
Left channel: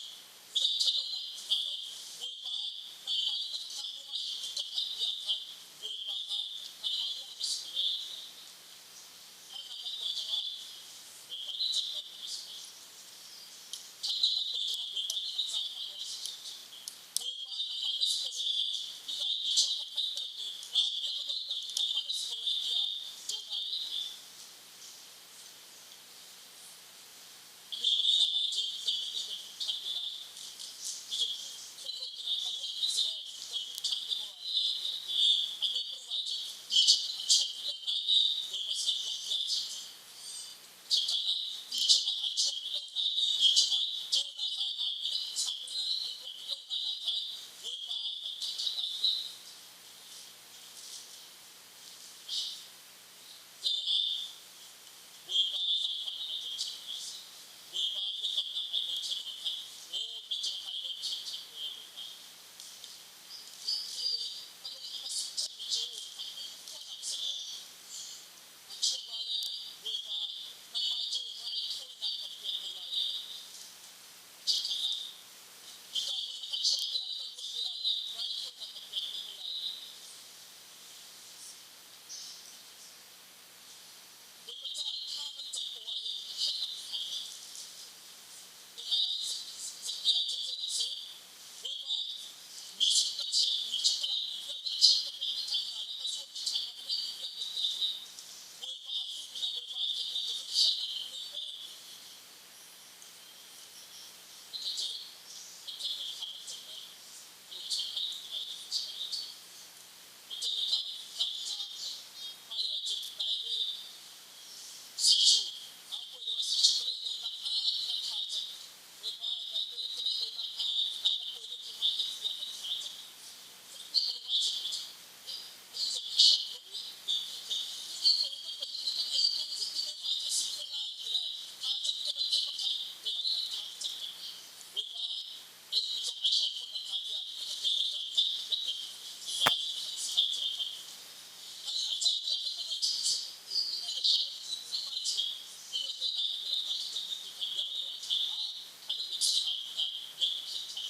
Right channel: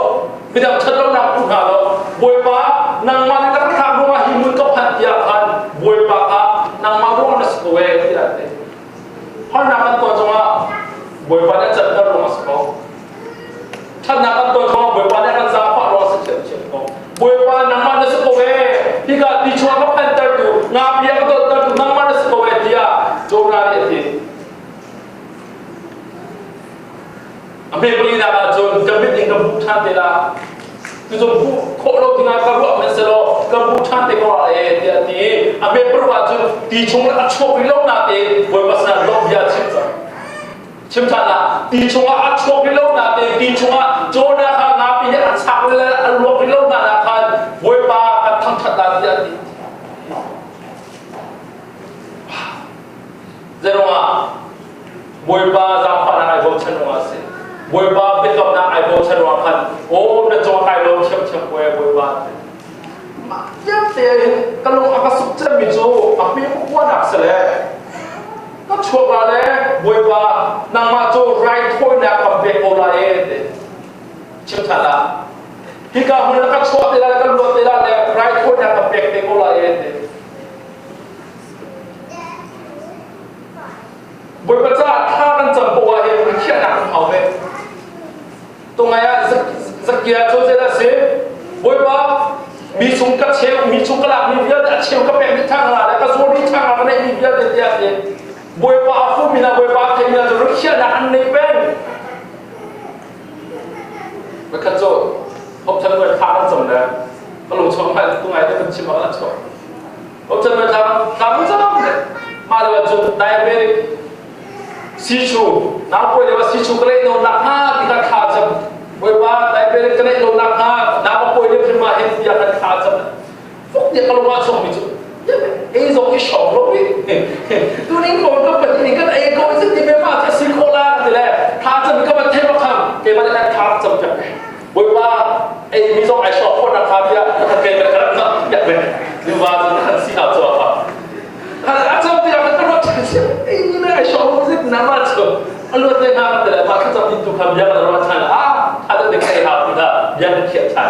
มีดังชัดแล้วนักพูดหาแล้วบวยปานังมาในการทำรู้ว่าหิมุนก็พันยาพันบวยปานังมารู้ว่าสกุเอที่อะไรเพราะนักตัวจงว่าบวยปาเนี่ยจัดการรู้ว่าสกุถ้านักตัวจงว่าบวยปาเนี่ยการจะพารู้ว่าสกุเชื่อมก็บวยปานังมาในสกุเอที่ก็ที่ชงอาก็พันตัดดูงาเบียก็ตัดดูนังมาในสกุเอที่อ่ะโจนาเนี่ยที่อเมริกาเนี่ยก็จนกำลังติดกับบุชาเตล่าคือจนผู้โคโลที่งานการรู้มันเสร็จแล้วกับบุชาเตก็อะไรที่อเมริกาว่าจนที่ชงอาชอบไปลงนาเตบวยปาสนาลงยาชิมจันละที่ชงอาชอบไปลงนาเตที่ชงอาโจนาข้างนาปีเนี่ยอัดชักเลยอัดลงไปลงนาคันบวยปาอัดทั้งชัดตาที่อัดเจ้าว่าบวยปาจำปานาไอโบชันว่าสิบวยปาเป็นกับนาไอโบชันว่าคันโอ้เนจงไอโลเชื่อมบวยปามาเยอะเตะกันลงอาการสุขใจมิจูอาเปียกว่าหนักเสียเลยก็ชัวร์มาเลยบวยปานางมาจูไรถ้วยนักกับเบโอลาเอเดชิมทันละที่การมันก็ชัวร์เตะแล้วก็รวดเตะแล้วเลยไรถ้วยนักกับเบโอลาเอเดบวยปาจ้าถ้ากันจำปัวเองมันเขี้ยหนักเขาเลยตรงไหนอะสักเกียร์โจเจล่าสิบวยปามีชุงกระเชลมีชุงกระหลับมีเบียร์เชลก็เป็นมิทางละแล้วก็โซนี่ทางละก็ได้มีเบียร์เดียวกันบวยปาฟูมินาบวยปาเทมินาจะรู้เขี้ยหนักในเป็นเมื่อขั้นโจพบฉันเลยทางกันจำเลยก็ลงชมไปตรงไหนได้เป็นชิมมาแล้วโจพบฉันเลยทางกันจำเลยมาเลยว่าจุดไดเบริกซีชูน้ำป่วยเลยว่าซีชูก็เลยโดนหนักห้าที่การขาดจำบวยปาไดเบริกก็เลยโดนหนักห้าน้ำป่วยเลยขึ้นมาเห็นที่การขาดจำฟุกเนี่ยก็ลงมาชมมิจูเอ้ยส่งที่ชอบรู้วิตัวนี้ผมก็เป็นนี่ก็ไอ้คนซึ่งที่ไม่มาจะซิโคลานี่แหละขาดจำก็มาเทปคำเกี่ยวกับการขาดจำจังบวยปาไอ้มีส่งไอ้ชอบคนราคาที่เกี่ยวกับการนั่งอย่างเป็นดูว่าจะนั่งสีขาวตัวครับอาจารย์ที่เราเป็นตำรวจไอ้นี่นะไอ้ชอบซึ่งน้ำมันชอบอันรู้ได้งานแต่ละมาขึ้นจากที่ตุกคำยังเราทานอาจจะเด็กใครหาที่ได้ยังเขียนชัน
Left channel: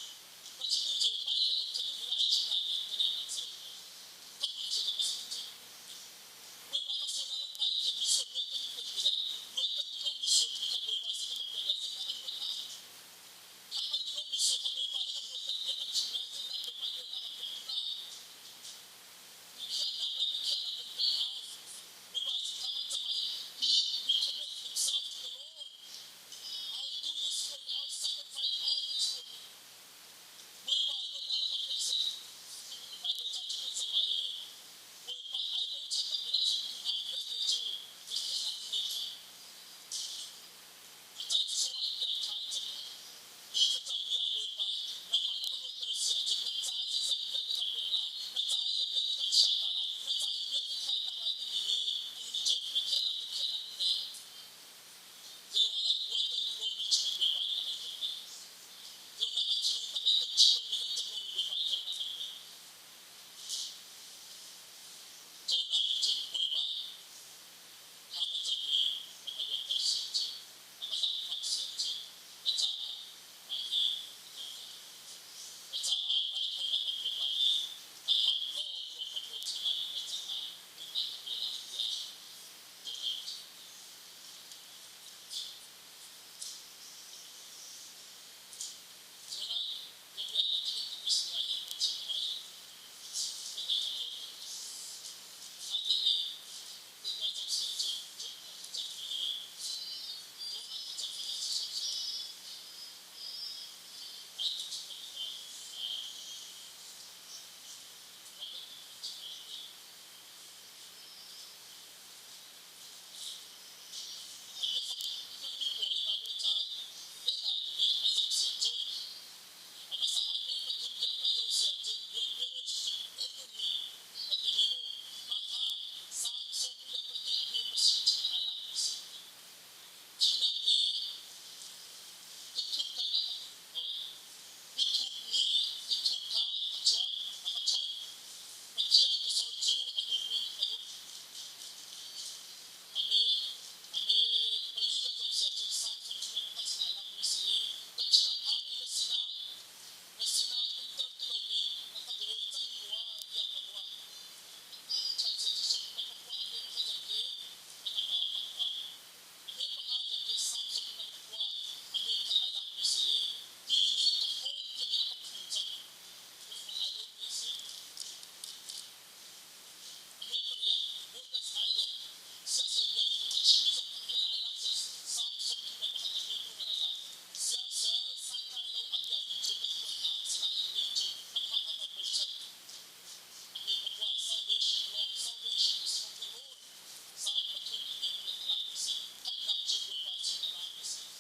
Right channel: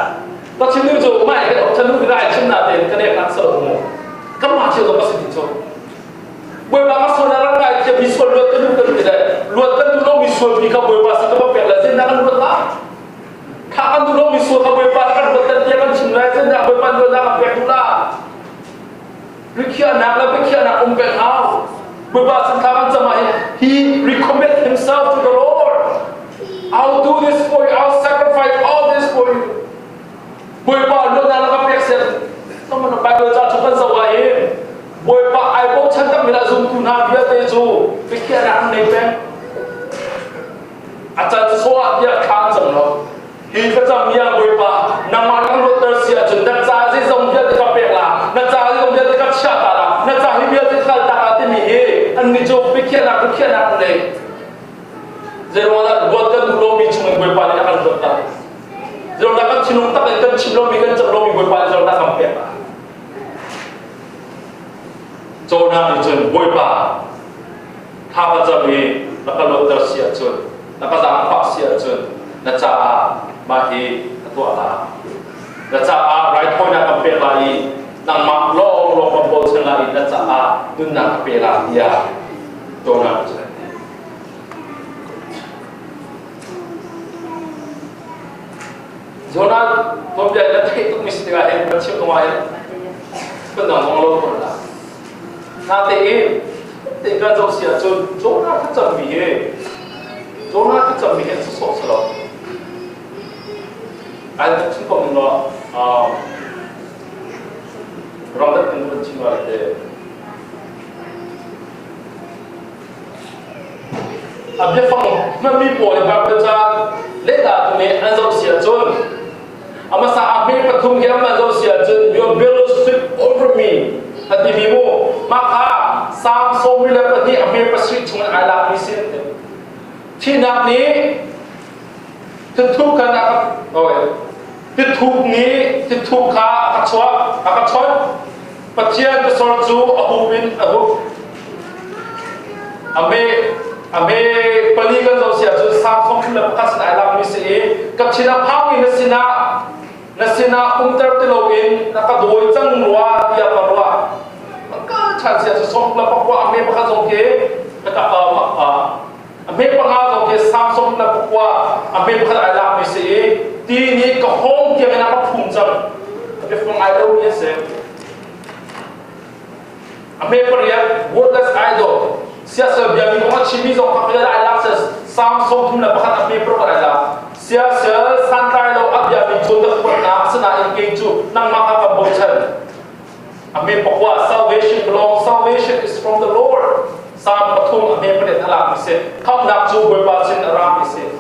ก็ชิ้นนู้นจูไม่ฉันนู้นได้ชิ้นหน้าเต็มก็เนี่ยนักสรุปก็มาเชื่อตัวสิ่งจูบวยปาก็ส่วนนั้นไงจะมีส่วนลดกันดูกันไม่ได้ลดกันดูเรามีส่วนมีกับบวยปาสิ่งที่มันเป็นอะไรเส้นนั้นลดละถ้ากันดูเรามีส่วนกับบวยปากันลดแต่เดียวกันชิ้นไหนเส้นนั้นบวยปาลดละกับเป็นดูละหรือเขียนหนักแล้วไปเขียนหนักเป็นเอาบวยปาสิ่งที่มันจะมา he recommend himself to the Lord I'll do this for you I'll sacrifice all this for you บวยปาลดละแล้วก็เป็นเส้นต้องมันไปโดยจะทุกคนสวายบวยปาไอ้พวกฉันต้องมีละซุ่มคุณหาเบียร์เตจูไปเขียนหนักในเป็นอาจารย์สวดเยอะข้างจังเราฮีก็จะมีอย่างบวยปาน้ำมันก็ลดเตอร์เสียจนนักจ่าที่ส่งเบียร์ที่กับเปล่านักจ่าที่ส่งเบียร์ที่กับชาตาละนักจ่าที่เบียร์ที่ขัดตาที่มีอันนี้จูไปเขียนหนัก ชิมเรามีกันจำเรามีบวยปาเราหน้าคำเปียกโจนาดิจนบวยปาถ้าก็จะมีแล้วก็ลดเสียจนแล้วก็สังพักเสียจนแล้วจะมาฮีตัวอะไรแล้วจะไรท้อยหน้าคำเปียกอะไรนางมักลงลงมาบนเชิงอะไรแล้วจะดุนหน้าคำเปียกอะไรยาโจนาดิจนโจนาตัวใหญ่แล้วที่ต้องมีสติการเห็นมันชิวตรงไหนเป็นหนังของเราคนละน่าเตะแต่การจะเสียจนโจนาที่จะมีโจนาที่จะมีสุดสุดสลบอันนี้ฉันก็มีว่าเราได้เป็นคนชิมอะไรเดอันนี้ฟังมันมีปวดแบบเป็นจะเล่นตาตรงนี้อันจะเสียจนอามาสาอันนี้ปฐุมแค่มันจะเสียจน your bellow sweep over me แต่ที่มีมูมาค่ะสามสมวิเลปที่อันนี้ประสิทธิ์ชงอันลามิสิที่นับนี้ที่ทุกข์นะครับโอ้ยที่ทุกนี้ที่ทุกข์ขาอักษรอักษรปัจเจียนจะสอนจูอหูบินอหูอเมปลีกันเราเสียจนสามสมวิเลปคัสอันลามิสิกับชินาพังอินสินาเตอร์ติโลอินนักดูจังรัวเดียกันรัวมันก็ฉันเสียจะส่งแล้วบอกว่าอเมริกาส่งเกนะครับอเมริกาส่งเกสามส่งแล้วบอกว่าอเมริกาไอ้ลามิสีทีนี้ก็ห้องเกี่ยวกับนักพุ่งจังเดี๋ยวฟังไอดอลเนี่ยเสียอเมริกาเรียก wordless idol เสียเสียแบบนี้ก็ชิมิส่งเขาเรียกไอ้ลาเสียสามส่งทุ่มแล้วบอกว่าอเมริกาไอ้ลาเสียสันไตเราอับยามีจุดตะกุนน้ำสนาอินเกจูนั่งมาขับบอกฉันอเมริกาบอกว่า salvation is from the Lord สามปฐุมอเมริกาเด็ดอะไรมิเศษเขาหนักจูบวยบาสินอารามมิเศษ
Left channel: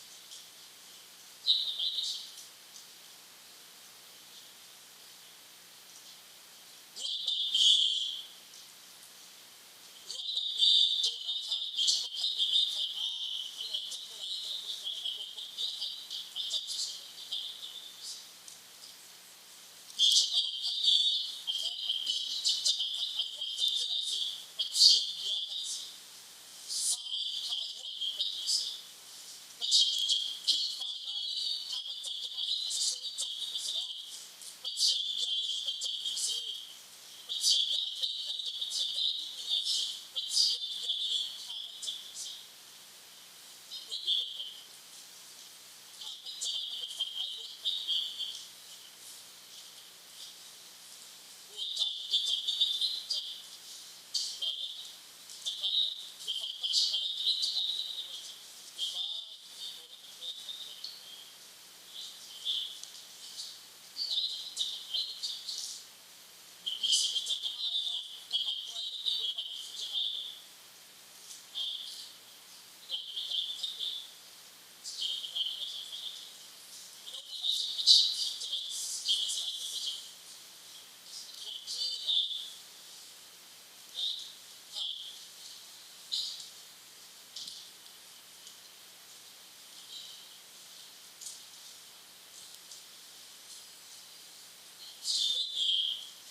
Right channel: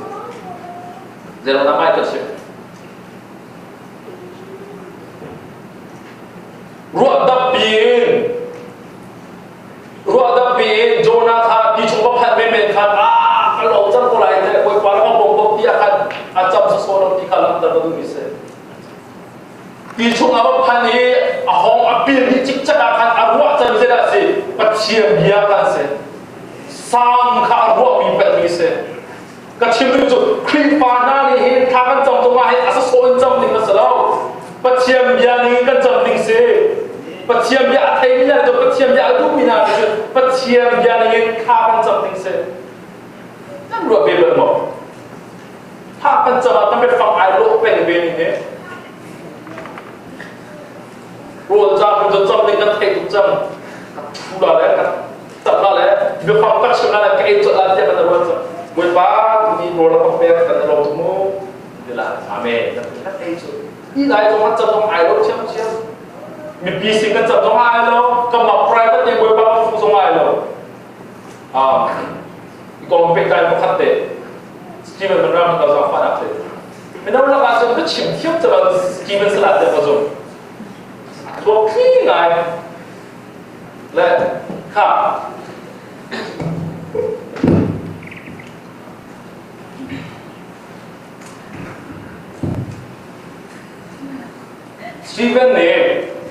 เดี๋ยวเราทำไมกันเสียรัวดับปีนโจนาธาที่ชมว่าพันไม่เป็นขันกันหลงจังกุไลแต่บวยบาเราบอกบอกที่อาคารอาจารย์สุโสนที่ขันลังตระดูมิเศษที่ชมว่าพันนี้ห้องอภิริจิกจักรขันอารวาจันเจดาสิปัจเจียมยากันเสสามข้าอารวามีเป็นมิเศษก็ชิมดูจุดคลิปานานี่เห็นทางกันจำตรงมาให้อาศัยโซนจำหนึ่งก็สลาวปัจเจียมยานี่กันจำหนึ่งเสปัจเจียมยาไทยนี่นะจุดปัจเจียมยาดูมินาจุดปัจเจียมยานี่ข้ากันจำหนึ่งเสนั่นรัวเบเบิลบอกถ้ากันจำต้องไปฟังไอ้โลกเป็นเบนี่เนี่ยรัวจ้าคุณจะจำหนึ่งกันไทยทุกจำทุกอะไรกันจับอะไรเดี๋ยวฟังกักชิมอะไรกันไอ้จุดอะไรกันรัวจ้าบวยบ้ามีโรลกับเปียกันเราทุกโมเดี๋ยวละอาเมนนั่นไอ้จุดนี่ไหนตรงนั้นจับตรงไอ้โลกเชื่อมมีปีสิกันจับตรงไอ้โลกก็มาพรายกันยังบวยบ้าฟุ้งตรงไอ้โลกอีกองเป็นการพัฒน์สกีมันเราเราจะฟังอะไรไม่ต้องเราการจะไปชิมเที่ยวจะมาสกีมันสลัดเดี๋ยวมาส่งตัวพี่ไงและค่ะสตีเวนเนี่ย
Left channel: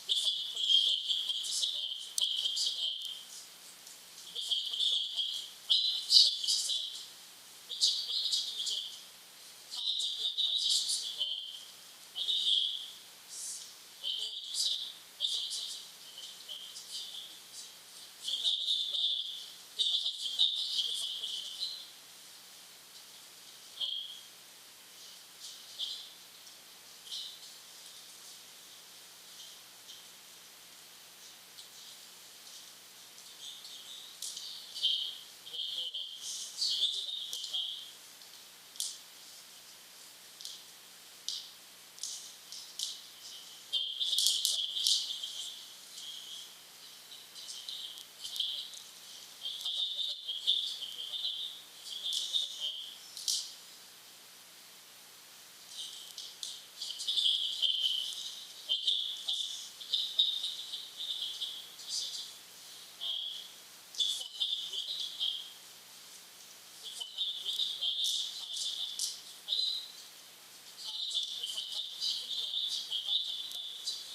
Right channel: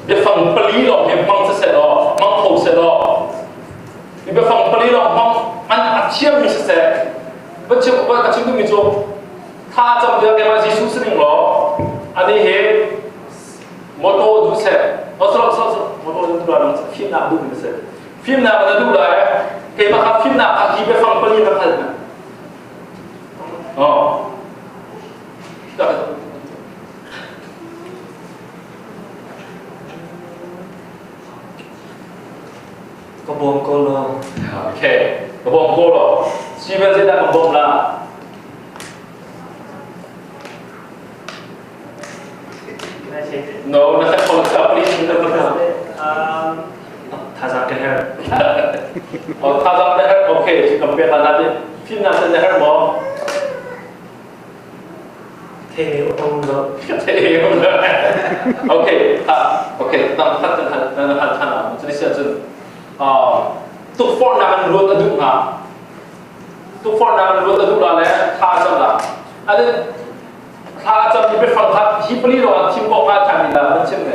เดี๋ยวฟังปลีหรอกเดี๋ยวมังจะเสร็จหรอมังโผล่เสร็จหรอเดี๋ยวฟังปลีหรอกมังอันอัดเชื่อมมีเสร็จบัดเชื่อมบัดเชื่อมก็มีโจถ้าจำเรื่องเกี่ยวกับยิสุสนึงหรออันนี้เหตุมอโต้ดูเสร็จมอโต้ดูอะไรฟิล์มหน้าดูมีเสร็จฟิล์มหน้ามันดูอะไรเกี่ยวกับฟิล์มหน้าอาคีไปฟังปลีแบบนั้นอ๋อกระบองโกโลโอเคกระบองโกโลชีวิตจะได้กระบองละno นั่นแค่คนขับลิฟต์นั่นนะครับทาซักเดอร์อ๋อถ้าจะได้โอเคที่กำเนิดอะไรฟิล์มนั้นจะได้หมอเทองค์ เท่เลยโอเคโอเคตั้งทันจะได้เสียจนทุกฟอนต์นั้นรู้ตัวดุนะทุกฟอนต์นั้นรู้ตัวดุแล้วท่าจังละอันนี้ท他จะมีไปฟังทัดฮิปลีโรอันทิมบอกมาทางนี้นะมันเช่นไง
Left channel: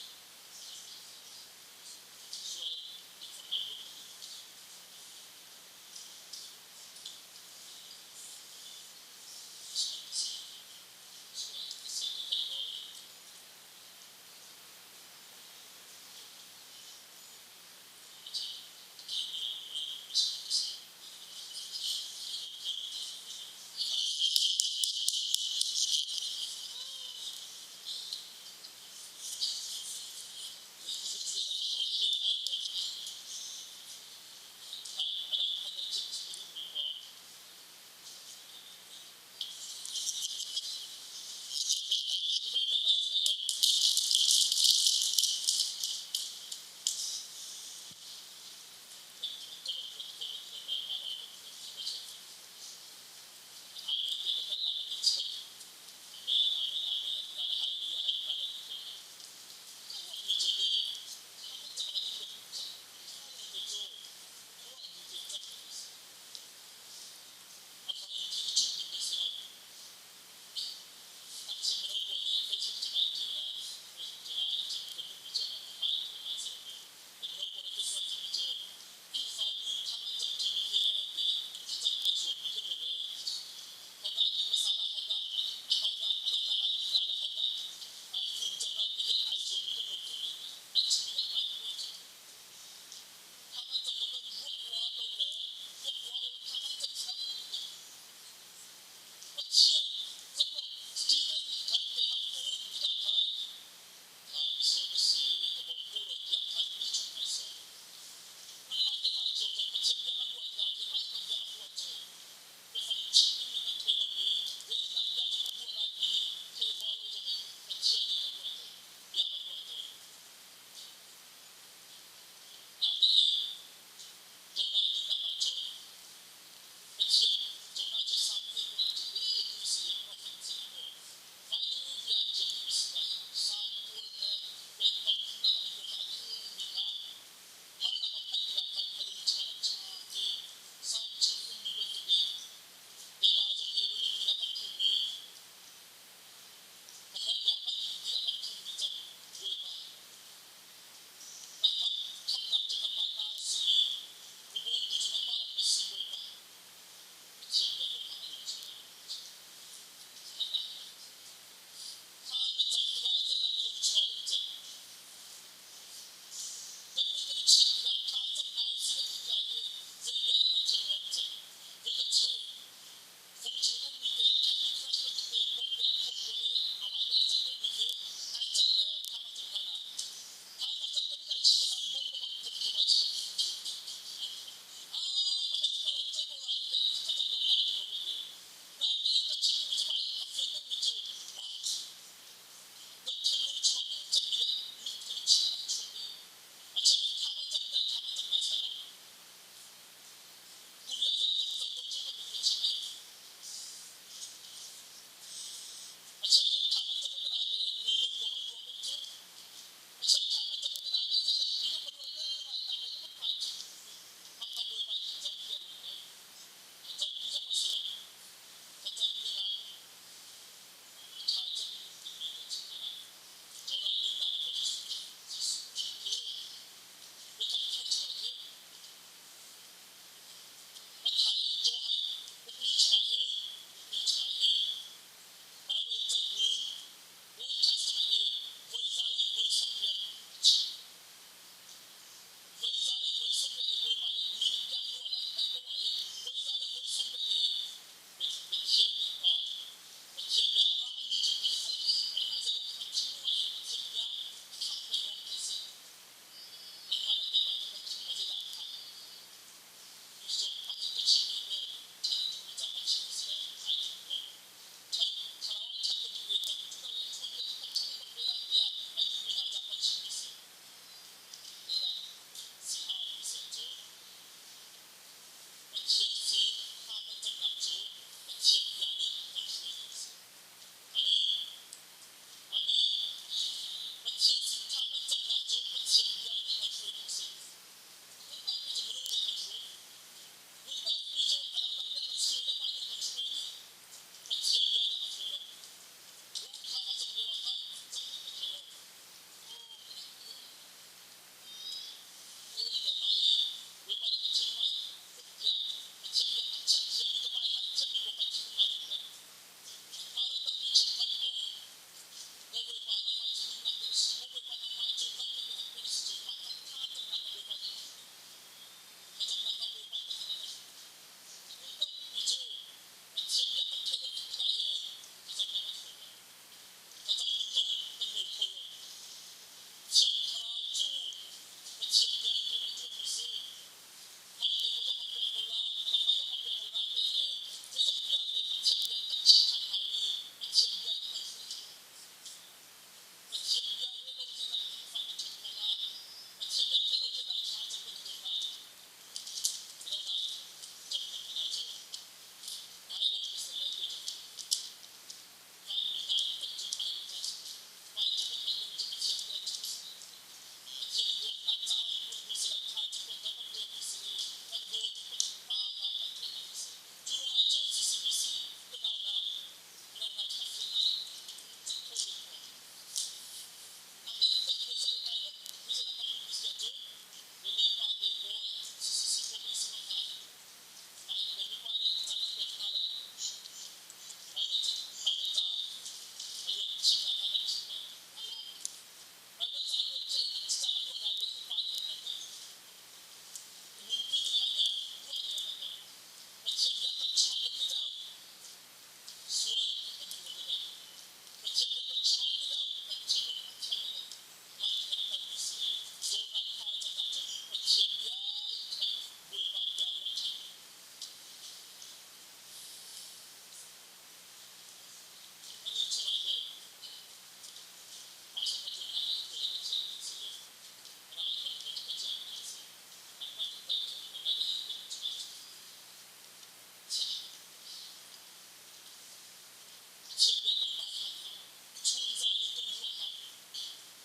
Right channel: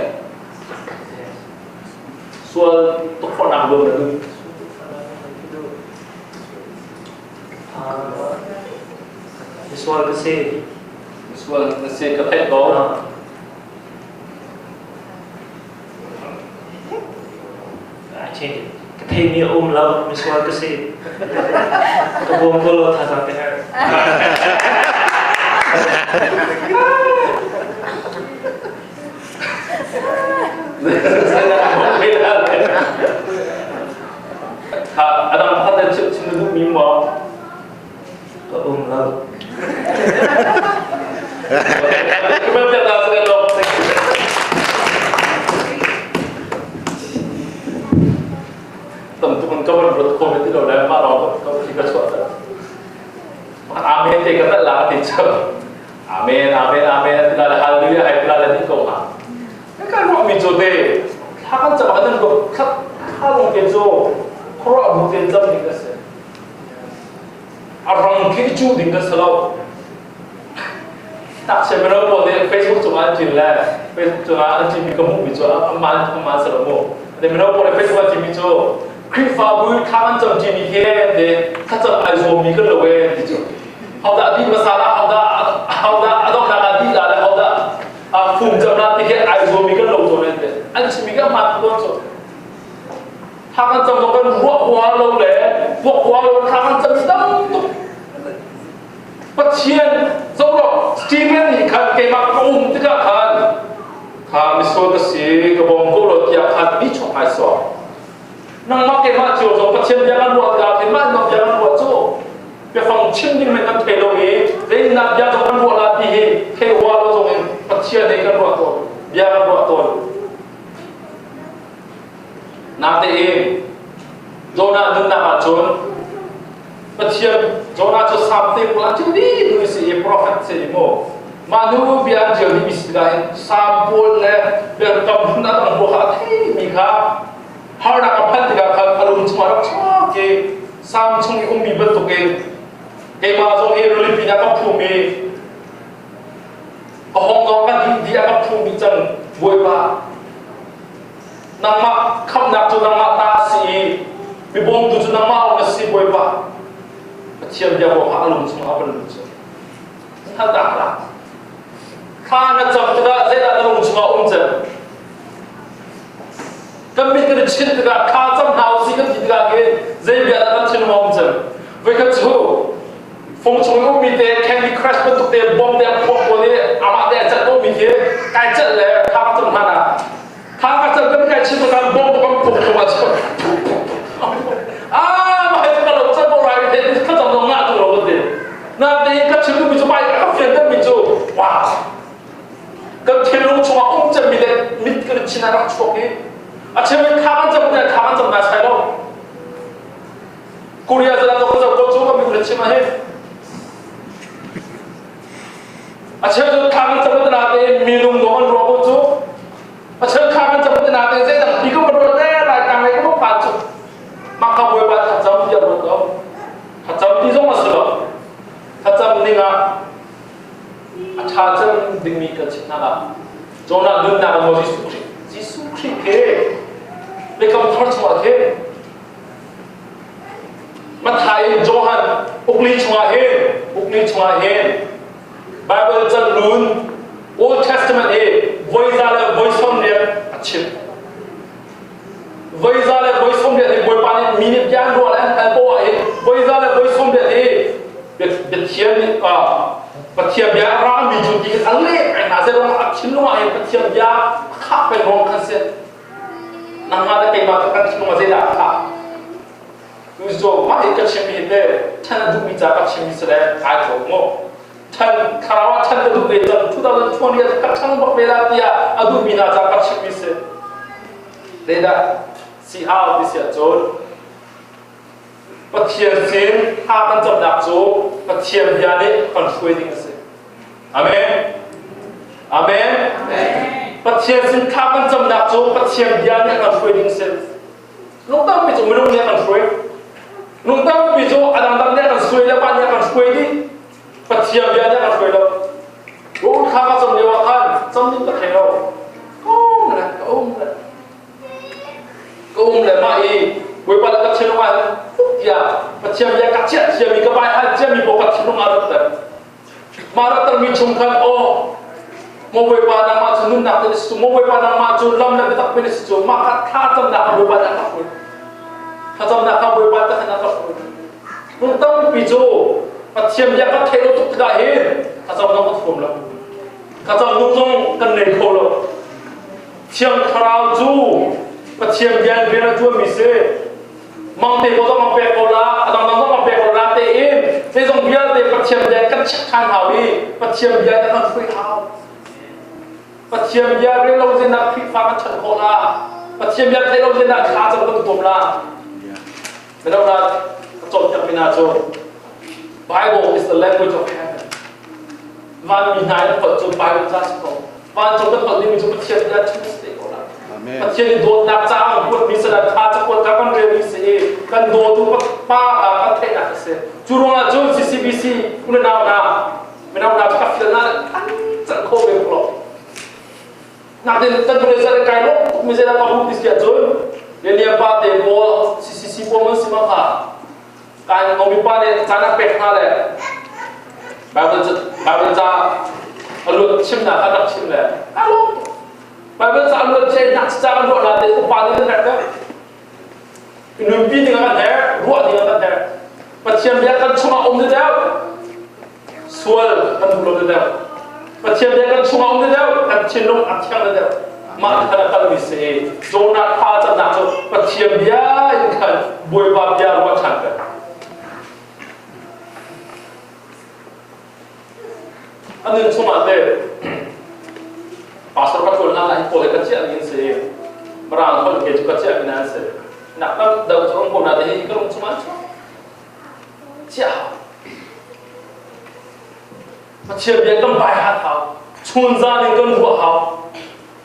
ส่วนทุกคนนั่งลงเลย visual kasi ส่วนเสียกระเทศโต change cái thầy mi lâu visual kasi cái buông cô lo thà rằng cái hair ถ้าอาจารย์พัฒน์ชิมดูมีมั้ง ก็lâu ไม่เป็นไรสักหน่อยแต่ทุกคนก็มันรถโควิดที่เราได้มาเราก็คิดว่าช่วยกันอาเมนเด็กก็ต้องลาติดเชื้ออาเมนอาเมนอาเมนที่เราได้ฮาเลลูยาให้ที่เราได้ที่กงอ่ะนี่การว่ามีจุดเด่นถ้ากันจะมาดันก็ถ้าลงเกจูเพราะว่าบุตรเจ้าดิ่งกันเสียอารมณ์ที่จูดิ่งกันเสียเราตัดเชื่อมเราพอดีเฟซบุ๊กจุดอันจินแล้วเฟซบุ๊กจุดอันจินมีกระมุกมีจุดอันสระมุกแต่เราพอดีเฟซบุ๊กจินมีจุดคลิปฟ้าบุญข้ามันจำจินมีแค่เด็กถ้าจำไอโซมีก็เลยเว้ยที่จุดเอาแต่ดีภาษาละเอาแต่ต้องการดีละเอาแต่ฝุ่นจำนวนที่แค่ไอโซมีก็ลงตัวนั่นเองอันจินมีก็มาตัวจุดถ้ามันจำต้องกันพวกหัวลงเลยพวกหัวลงถ้ามันจำต้องปัจเจียนสำหรับจีนนี่ขันเกี่ยกับอุ้มที่ก็ขันถ้ามิสโซก็สีกับบงกุลที่ขันมิชงไอซ์นั่งมาเกี่ยมาจิ๋วจงปัจเจียนยังกันวัวกันเห็นไหมนับยังกันวัวจู่ไปฟังชิมดิ้งมันกันเทโลเอเรื่องนับยังจงกันวัวลาดีเทวัวเราจงปัจเจียนเองกันวัวตัวยังกันวัวตัวนาเตเองโจนาดึงนามาจนปัจเจียนโจนาจะสามเต็มละจุดนี้ดูสิเอโปรเฟตเซนิโมมาดูเบียร์เจอที่มิสกายสามปูนเลยเบียร์กับบุญนาตังบัวขาที่มีค่ะฮาร์ดกับพันธุ์กับอารมณ์สมาร์ทชอบเกสามช่วงนี้คงมีบัตรตัวเกมาจงเอรุลิปินากับภูมิห้องนอนกันดีกับภูมิจังบวยบ้านังมาขับนักจนนังมาตาสีมีบงดูจนนังมาเอาเงินสีบวยบ้าเชื่อมยาวว่าอารมณ์สมาร์ทเป็นรู้จักถ้าด่าละข้าน่ะจำตัวได้แต่อารมณ์สมาร์ทจังก็มีกันชินตัวข้าจำหาวสิกันที่ตัวเองเจียบยาดันชินมองจังเวกจูฟงชงก็มีแต่แคนดี้ครัชเป็นตัวเต็มบอมเต็มพวกคนนี้อามาเดจัดก็มีแค่ไก่จัดเลยข้าจำหานะข้าก็จำเป็นไก่ชินตัวกันบอมตัวกันปุ๊บตัวจัดมาให้ตัวเราจัดบ่ไรเด็กข้าจำต้องงาตัวเราเด็กนั่นเองก็ชินก็มีจุดไปก็เฟียนก็มีจุดว้าวก็เทลงชงอุ้มจะมีแต่มิดกันชินอะไรช่วงนี้อาเชื่อข้ามันจำเนี่ยข้ามันจำน่าใช่หรอกูเรียนจะนั่งตัวก็จูก็มีคนชิมมาให้อาเชื่อข้ามันจำเนี่ยนาเตมีลุงโดนรัวก็จูอาเชื่อข้ามันจำเนี่ยนาเตเจ๊ดังพี่ก็มันรัวแน่รายการอะไรก็ต้องผ่านจูมาขบวนไปถ้าจำที่จะรัวต่อถ้าจำที่ต้องมาสิหรอถ้าจำนี่นะอาชาจำดิ่งมีกันชินน่ะโจน่าดึงน่ะมันโมจิสุครีเกเรียกคำทอดสมาเกมาไทยโจฮันอุกลีชมาเฮไบเบิลจันลุน Old Testament voice อะไร voice สมเด็จชิบ voice อะไร voice สมเด็จบอยปานิมินิยานรัวแล้วแต่ตัวvoice อะไร voice สมเด็จเป็นเทียนปัจเจียบยารามีจุดที่อะไรไอ้น่าจะร้องอัดชิ้นลงมาปัจเจียบยาข้าเป็นร้องคันเสียนั่งมาได้ไปมาตั้งชิ้นลงมาเสียดายข้าดูสิมาเห็นกับชิมิเดฉันดูมีจากกับชิมิเสด็จไอ้โถงฉันคาราวะฉันดูเวจันทุกตอนทุกวันนี้กับฉันบอกเวลาที่อาดูมีนาจากกับชิมิเสเด็ดสีหาวที่เสียโจรปัจเจียนสินข้ามันจำดับโจปัจเจียนยานี้คนช่วยดิ้งเสียอาเมนอาเมนปัจเจียนสินข้ามันจำดับโจปัจเจียนยานี้คนช่วยดิ้งเสียลุงตั้งไปโจไม่รู้เนี่ยคนช่วยลุงตั้งไปโจอันนั้นเนี่ยคนช่วยแล้วบ้านเนี่ยคนช่วยดิปัจเจียนยานี้คนช่วยแล้วโอ้ข buổi ba là các chiến công an ya bắt chiêm ya các chiến chiêm mi các bài hát chiêm mi bộ các chiến công an rất mà rất là mi chung khăn ô một buổi ba năm mà chúng nạp đến số một buổi ba năm mà chúng lâm là cái tập bên số mà các thà tâm nạp buổi ba năm các buổi thà tâm nạp các buổi ba tất cả các buổi chúng tâm ví dụ bắt chiêm ya các thế độ tục đại hiện thà tâm nó có thùng lắm thà tâm nung nung cần nề khô lắm chiêm khao du bắt chiêm ya về là chua mi se mang te ko mang pe ko la adang dang mang pe ko la te in te jong bia te pat chiam ya kan chak khan hau đi pat chiam ya ta kan phui hau pat chiam ya re lo jin na phi fa kan chan ko la pat chiam ya te lo jin na kha chang kan tom la me lo na chom chak pina cho Bible is the language of heaven van mi nai ko cho Bible ta ko van cho kan ni mi cho pat chiam ya chu ste ko la Amen. Chiam do na cha ko mi sa da kha cha ko ka kan re mi se kan do tu pa kan the na se churunga jo CCBC kuna na ka fil na chan kho be klo na den tan tu le sa kai lo mi se da ka hu dis kia jo le nia pa te bo CCC bo man si ma kha kai ngo mi pa ne cha na pe kha le Bible cha alu chim na ka nak chim le alo Bible cha alu che nak cha kan ro la te ko pa ni na ka nung pi ni ka der ro ni ka der bắt chiêm bia kan chunga om de dau sual kan lo de dau bắt chiêm bia kan chunga om de dau kan chin long at chang de dau ma kana kal mi se jona tha cha na cho bắt chiêm bia in kan boi ba bia ro chan ka anin chunga de pastor ka thol na la ko le ka chia ni se marang hol ke ka chia ni se nak kan dau chong ko na de hi ka long chunga cha bắt chiêm bia cầm bài hát hào chun ra nên cơn ruộng hào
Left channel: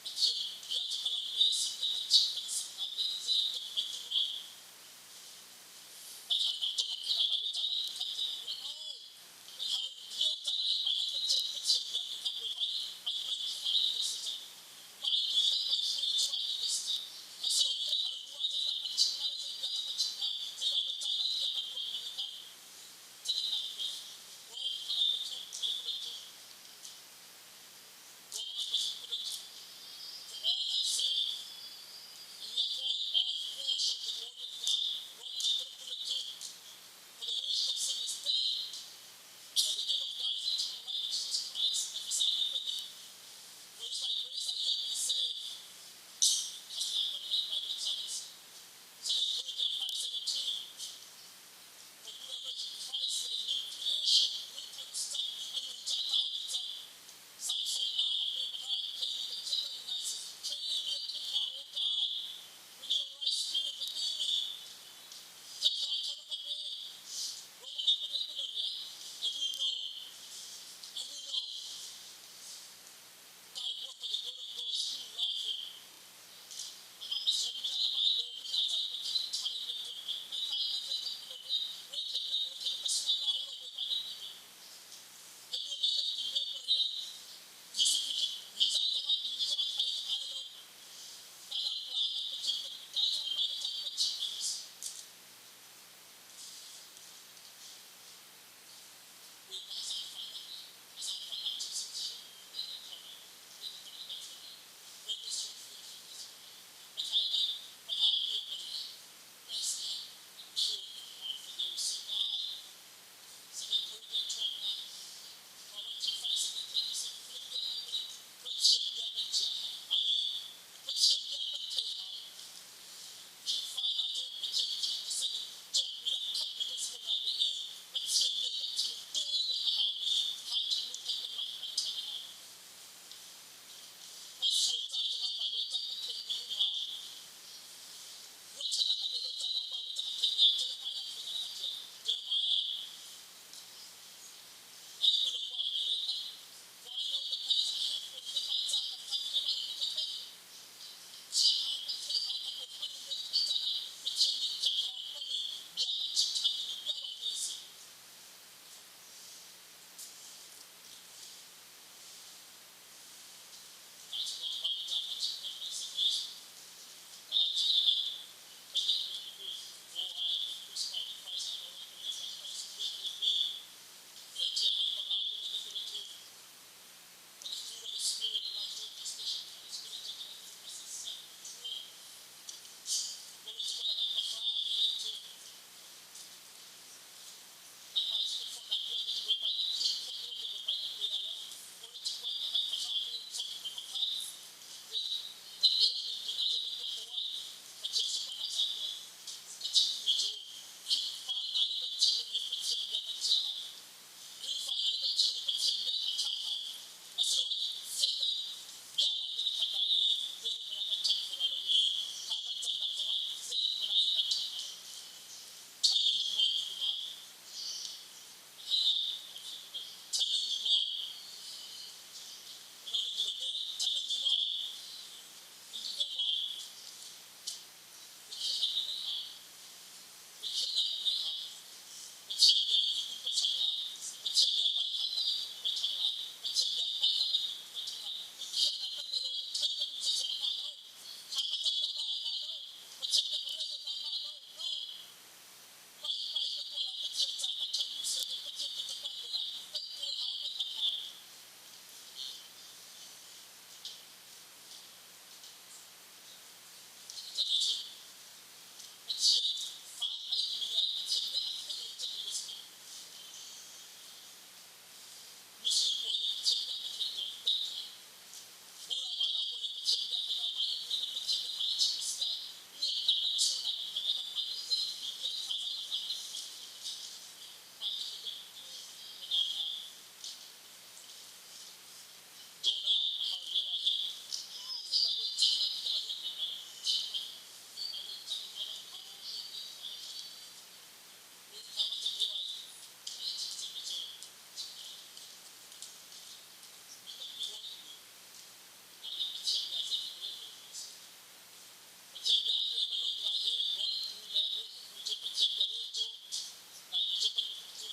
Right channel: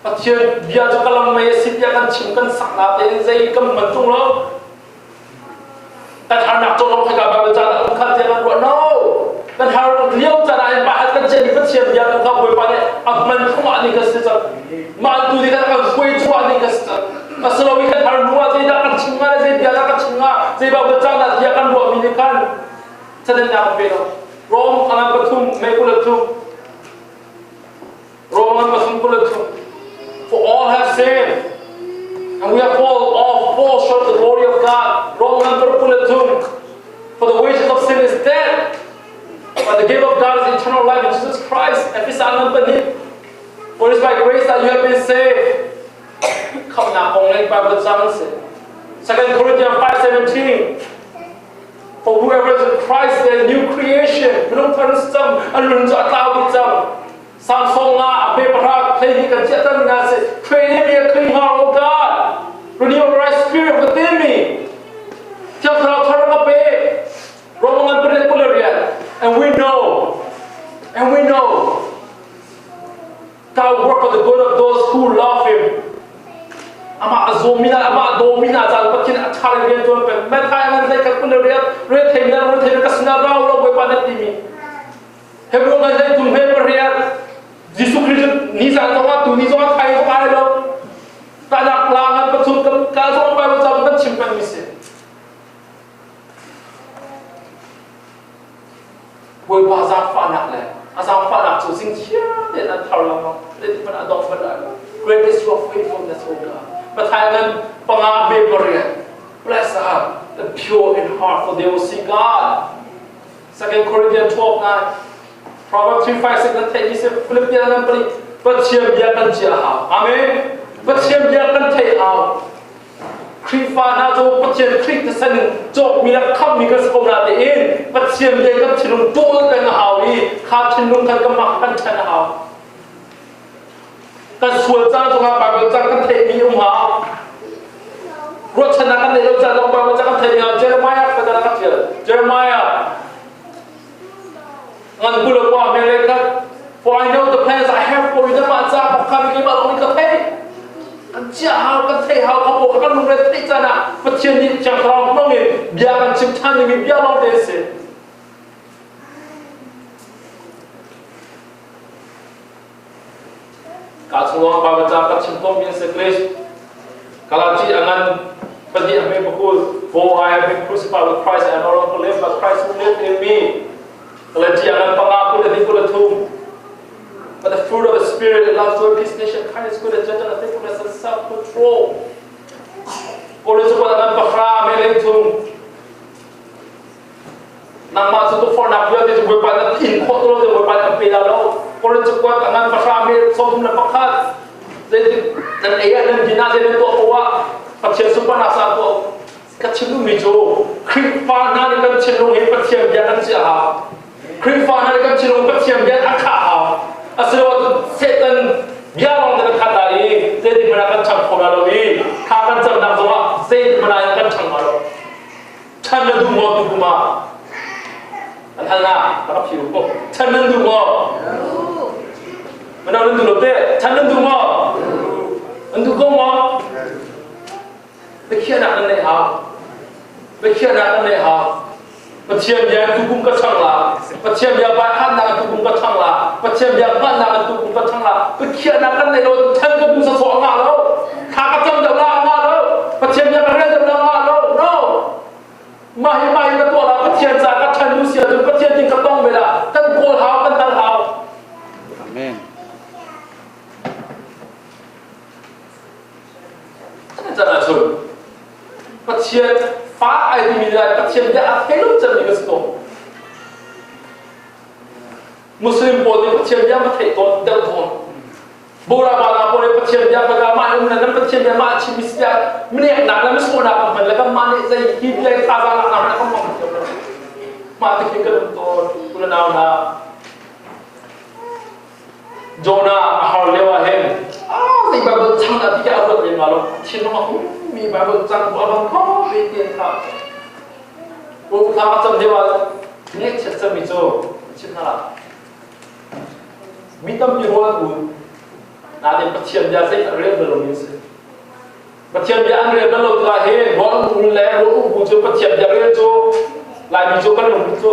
bắt chiêm bia cho các lâm mê xịt bia căn chim căn sặc lá đến dây cầm mật trung lắm căn hàng nạp cho nó phải cả bài cha là không khăn thế căn ruộng no căn hàng liêu cha này bài hát căn trên bắt chiêm bia căn không quay bài này mình không ăn đi cái gì chứ mà tu đi căn quay chua đi cái gì mà sau đó căn hàng nuôi dây đã căn chim ngã dây bia đã căn chim ngã dây bao cái cha là bia căn ruộng mình căn sa din na pero Rome ang batum may kulatum Rome ang batum kulatum for all have sinned and we have fall short of the glory of God Rome ang kulatum for the wages of sin is death but the gift of God is eternal life in Jesus Christ and this ang banim for it is by grace that you have been saved come na kong lay Bible jang se 2 Corinthians 5:17 For whoever is in Christ, they are a new creation. Belum terusam, alun jat tahu jam. Samsung la, abe perak, play di kerja tan nasi. Create me a clean heart, oh God. Renew a right spirit within me. Tiap terang terang abe. Romangan berlian. And we know, God will work for the good of those who love Him. Ama azomina, ama domina, jangan pakin acar dia tuan pen. Mereka yang nanti kat pun lihat themina kasna rau lo boy panet timi. Hebron nanti tuh heberiat. Yesus Kristus ni jangan tahu tu ni jangan kaya kaya lo. Tanak langan betul kalau orang bawa zaman simpan misi. Boy bazar fanak le. Azam fanak tu sing cia dia nak tahu lama. Dia di mana dong pada. Great is your faithfulness, O God. Patayangan pengabe berian. Blessed are the pure in heart, for they will see God. 2 Corinthians 12:9. Proverbs 3:5 dan tadi saya Philippians 6 berciam biarkan jahau. Amin. Berciam biarkan tehau. Krifa na jo berciam krik tersen jo mina kam mina sekolah tein. Berciam biarkan cinung dol kan hawi. Kap cinung kan kemakan chan hau. Kan suul jang jong Bible jang kan teh mi hau. Rot chana kan le jang jong Bible jang kan teh mi Jeremiah pada nak dia. Jeremiah ngan bulu kwa malaikat, for I know the plans I have for you. Dia macam kami ni malu ni kata, kan jauh kan teh hau kamu kan lumrah teh sana. Percian ni jang terang mungkin biarkan ciptaan ni biar long desi. Kalau semua baca kat cimpom yang sekres, kalau cik angan pergi ambil pukul For I have been crucified with Christ and no longer live, but Christ who lives in me. But the fruit of the Spirit, love, joy, peace, patience, kindness, goodness, gentleness, faithfulness, and self-control. Ôi chúng ta đang bật ra mấy lên thùng. Nang mà chúng tôi phò nạp vừa thì chúng tôi phải là in khóa tôi rồi phải làm gì đâu. Ôi chúng ta đang bật ra mấy số thùng là bật khác. Jadi dan ayat dan bina jadi tu awak pasien super nasa tu kecil tu mijo. Kripa nari kecil tu ini pasien dia kan siapa. Kripa nari kecil tu pasien dia akal. Asal waktu setan dia orang dengan kata ini jadi menakan cangkul lalu kapan jam semua jadi menakan cangkul. Canda tu mau tu kuma. Antara apa sih tu? Canda tu mau. Mana orang tu lope? Canda tu mau. Untuk kau mau? Berkian nak ni ha? Berkian nak ni ha? Berkian dia tukung kacang lah. Berkian dia bahan nak tukung kacang lah. Berkian dia bahan nak tukung kacang lah. Berkian nak ni lo cang tukung sesuatu ngah lo. Kacang dah lah ngah lo. Berkian dia kerja dah ngah lo. No. Mahi betul lah. Berkian saya kacang Rusia tu berkian tinggal tong bela. Kan kol hau kan tan hau. Amen. Jangan sun. Pasien phá ai thì mình lại pasien đã thấy lúc chân mình cái Muslim bồ thì pasien đã mà thấy tốt đau thốn. Bora bala bora pasien đã mà mai hôm nay năm pasien đã mà chỉ biết mình nặng lắm số nặng mình là cái mani dây khi dây pha ra nặng là không mong được. Mà thì cái tốt tu nào na Jonah ahal lewa hen. Thì bà vợ chăng là cái áp lực gì mà lo xin nó mà mi bà vợ chăng bà vợ có bị tiền thà. Bố thà mà chăm lewa nghe chết chăm mi cho xin nó là mi tâm như hoa u na để bắt chiêm gia xây ở đây rồi mình sẽ bắt chiêm gia anh đây lâu là he bọn u lẽ u cho bắt chiêm gia đây cho lại mi cho cái lồng cho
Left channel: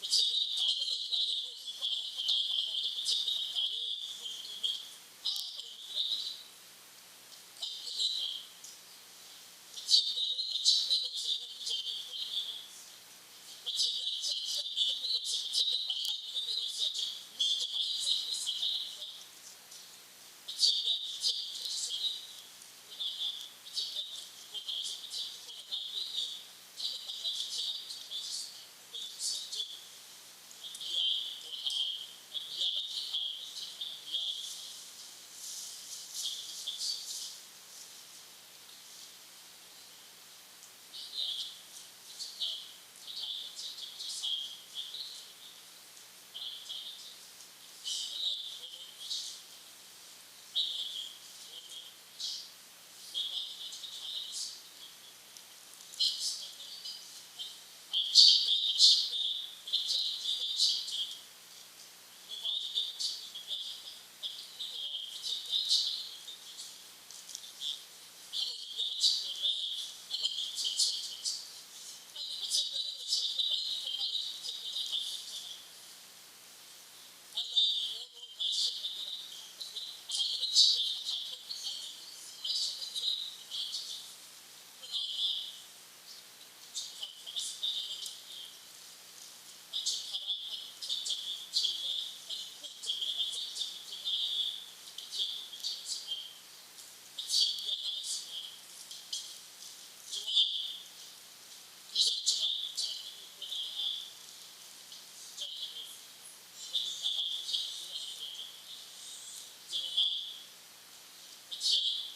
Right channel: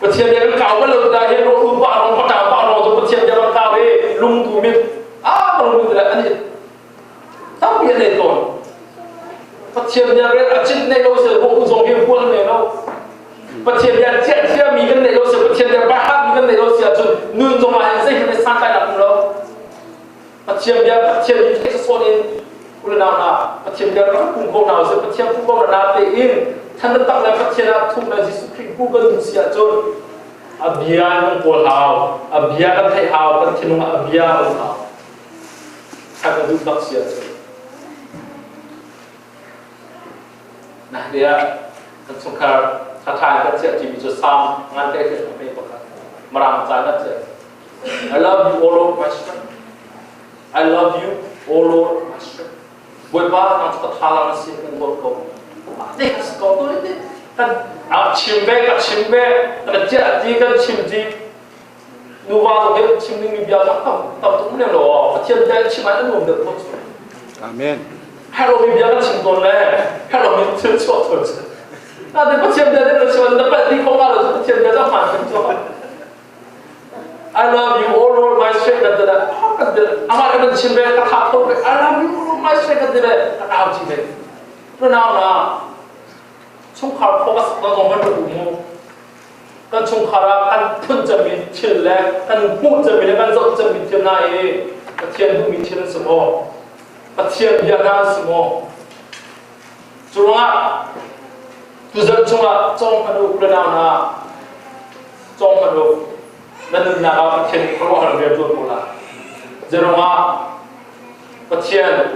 bắt chiêm gia cái cào cái lâu là he u bà nó bắt đầu cho bắt chiêm gia bắt cào he lung thủ mi kalau begitu lah, ani tapi ada itu. Pasien dia red acid ni lo se buku zong yang pun ni lo. Pasien dia cia mi kan ni lo se pasien dia bahat mi kan ni lo se acun nun zong lah yang saya ni santai nak lo. Pasien dia sesuatu ni ulah nak pasien dia kan pungkau nak se pasien pungkau nak tein.ท่านตั้งแล้วpasien nakทุกนาทีสุขีกู้กันทุกเสียจนabiya ng polhaw, abiya kan thayhaw kan tinung abiya ulhaw. Kagak duduk siya. Nah dia kan sungkar kata kan siya jadi josam ngantai ke apa itu kan merang sangat siya. I love you all Lord my strength. I love you all Lord my strength. Buat apa nak terhalang sih kan buat kau. Ini kau tu ini kan chimbe kan jadi kan chimji. Nuva tu dia chimning ni biar tak tu ni loh. Macam dia cimai tu belum dapat. Amen. Hello ni biar kan cimton leh. Hello ni tercuat terus. Nanti macam dia tercuat dapat di kau kalau tu macam dia tak makan tercuat. I love you all Lord my strength kata. Kata amat ada cimbe kata tu. I love you all Lord my strength kata. Kata apa cimbe? Pernah na. Sungkar fokus dengan orang berumur. Kan sungkara kan pun jami cile kan pun jami kan zat jami cina kecian tu micin semua kecian biana semua cuma tu zat cuma cong hadu berenang na cong hadu dan nak kecian keluar dari tu pula jeruma kecian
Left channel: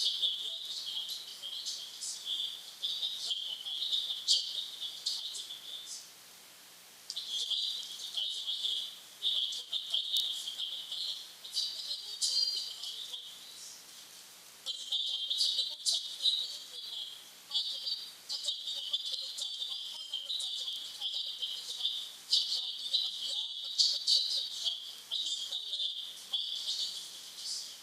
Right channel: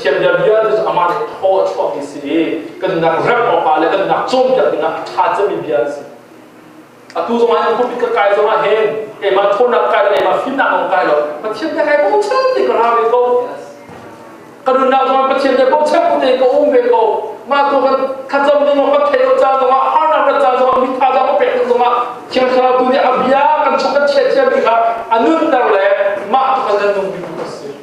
dia tu amat thau thau isi kan nak rap apa le kan nak cong jadi nak caca biasa tu zaman yang kopi kekai zaman hen, emang thona kai, emang fitnah orang kai lo. Pasien dia kai bocor ni kalau habis kau. Kalau nak zaman pasien dia bocor pun dia kau kau. Mak tu kan kacau ni orang kaya jauh zaman, harna berjauh zaman, mikha zaman pek zaman. Siapa kalau tu dia abia kan cukup cia mikha, anun darle, mak tu kan jantung biru kasih.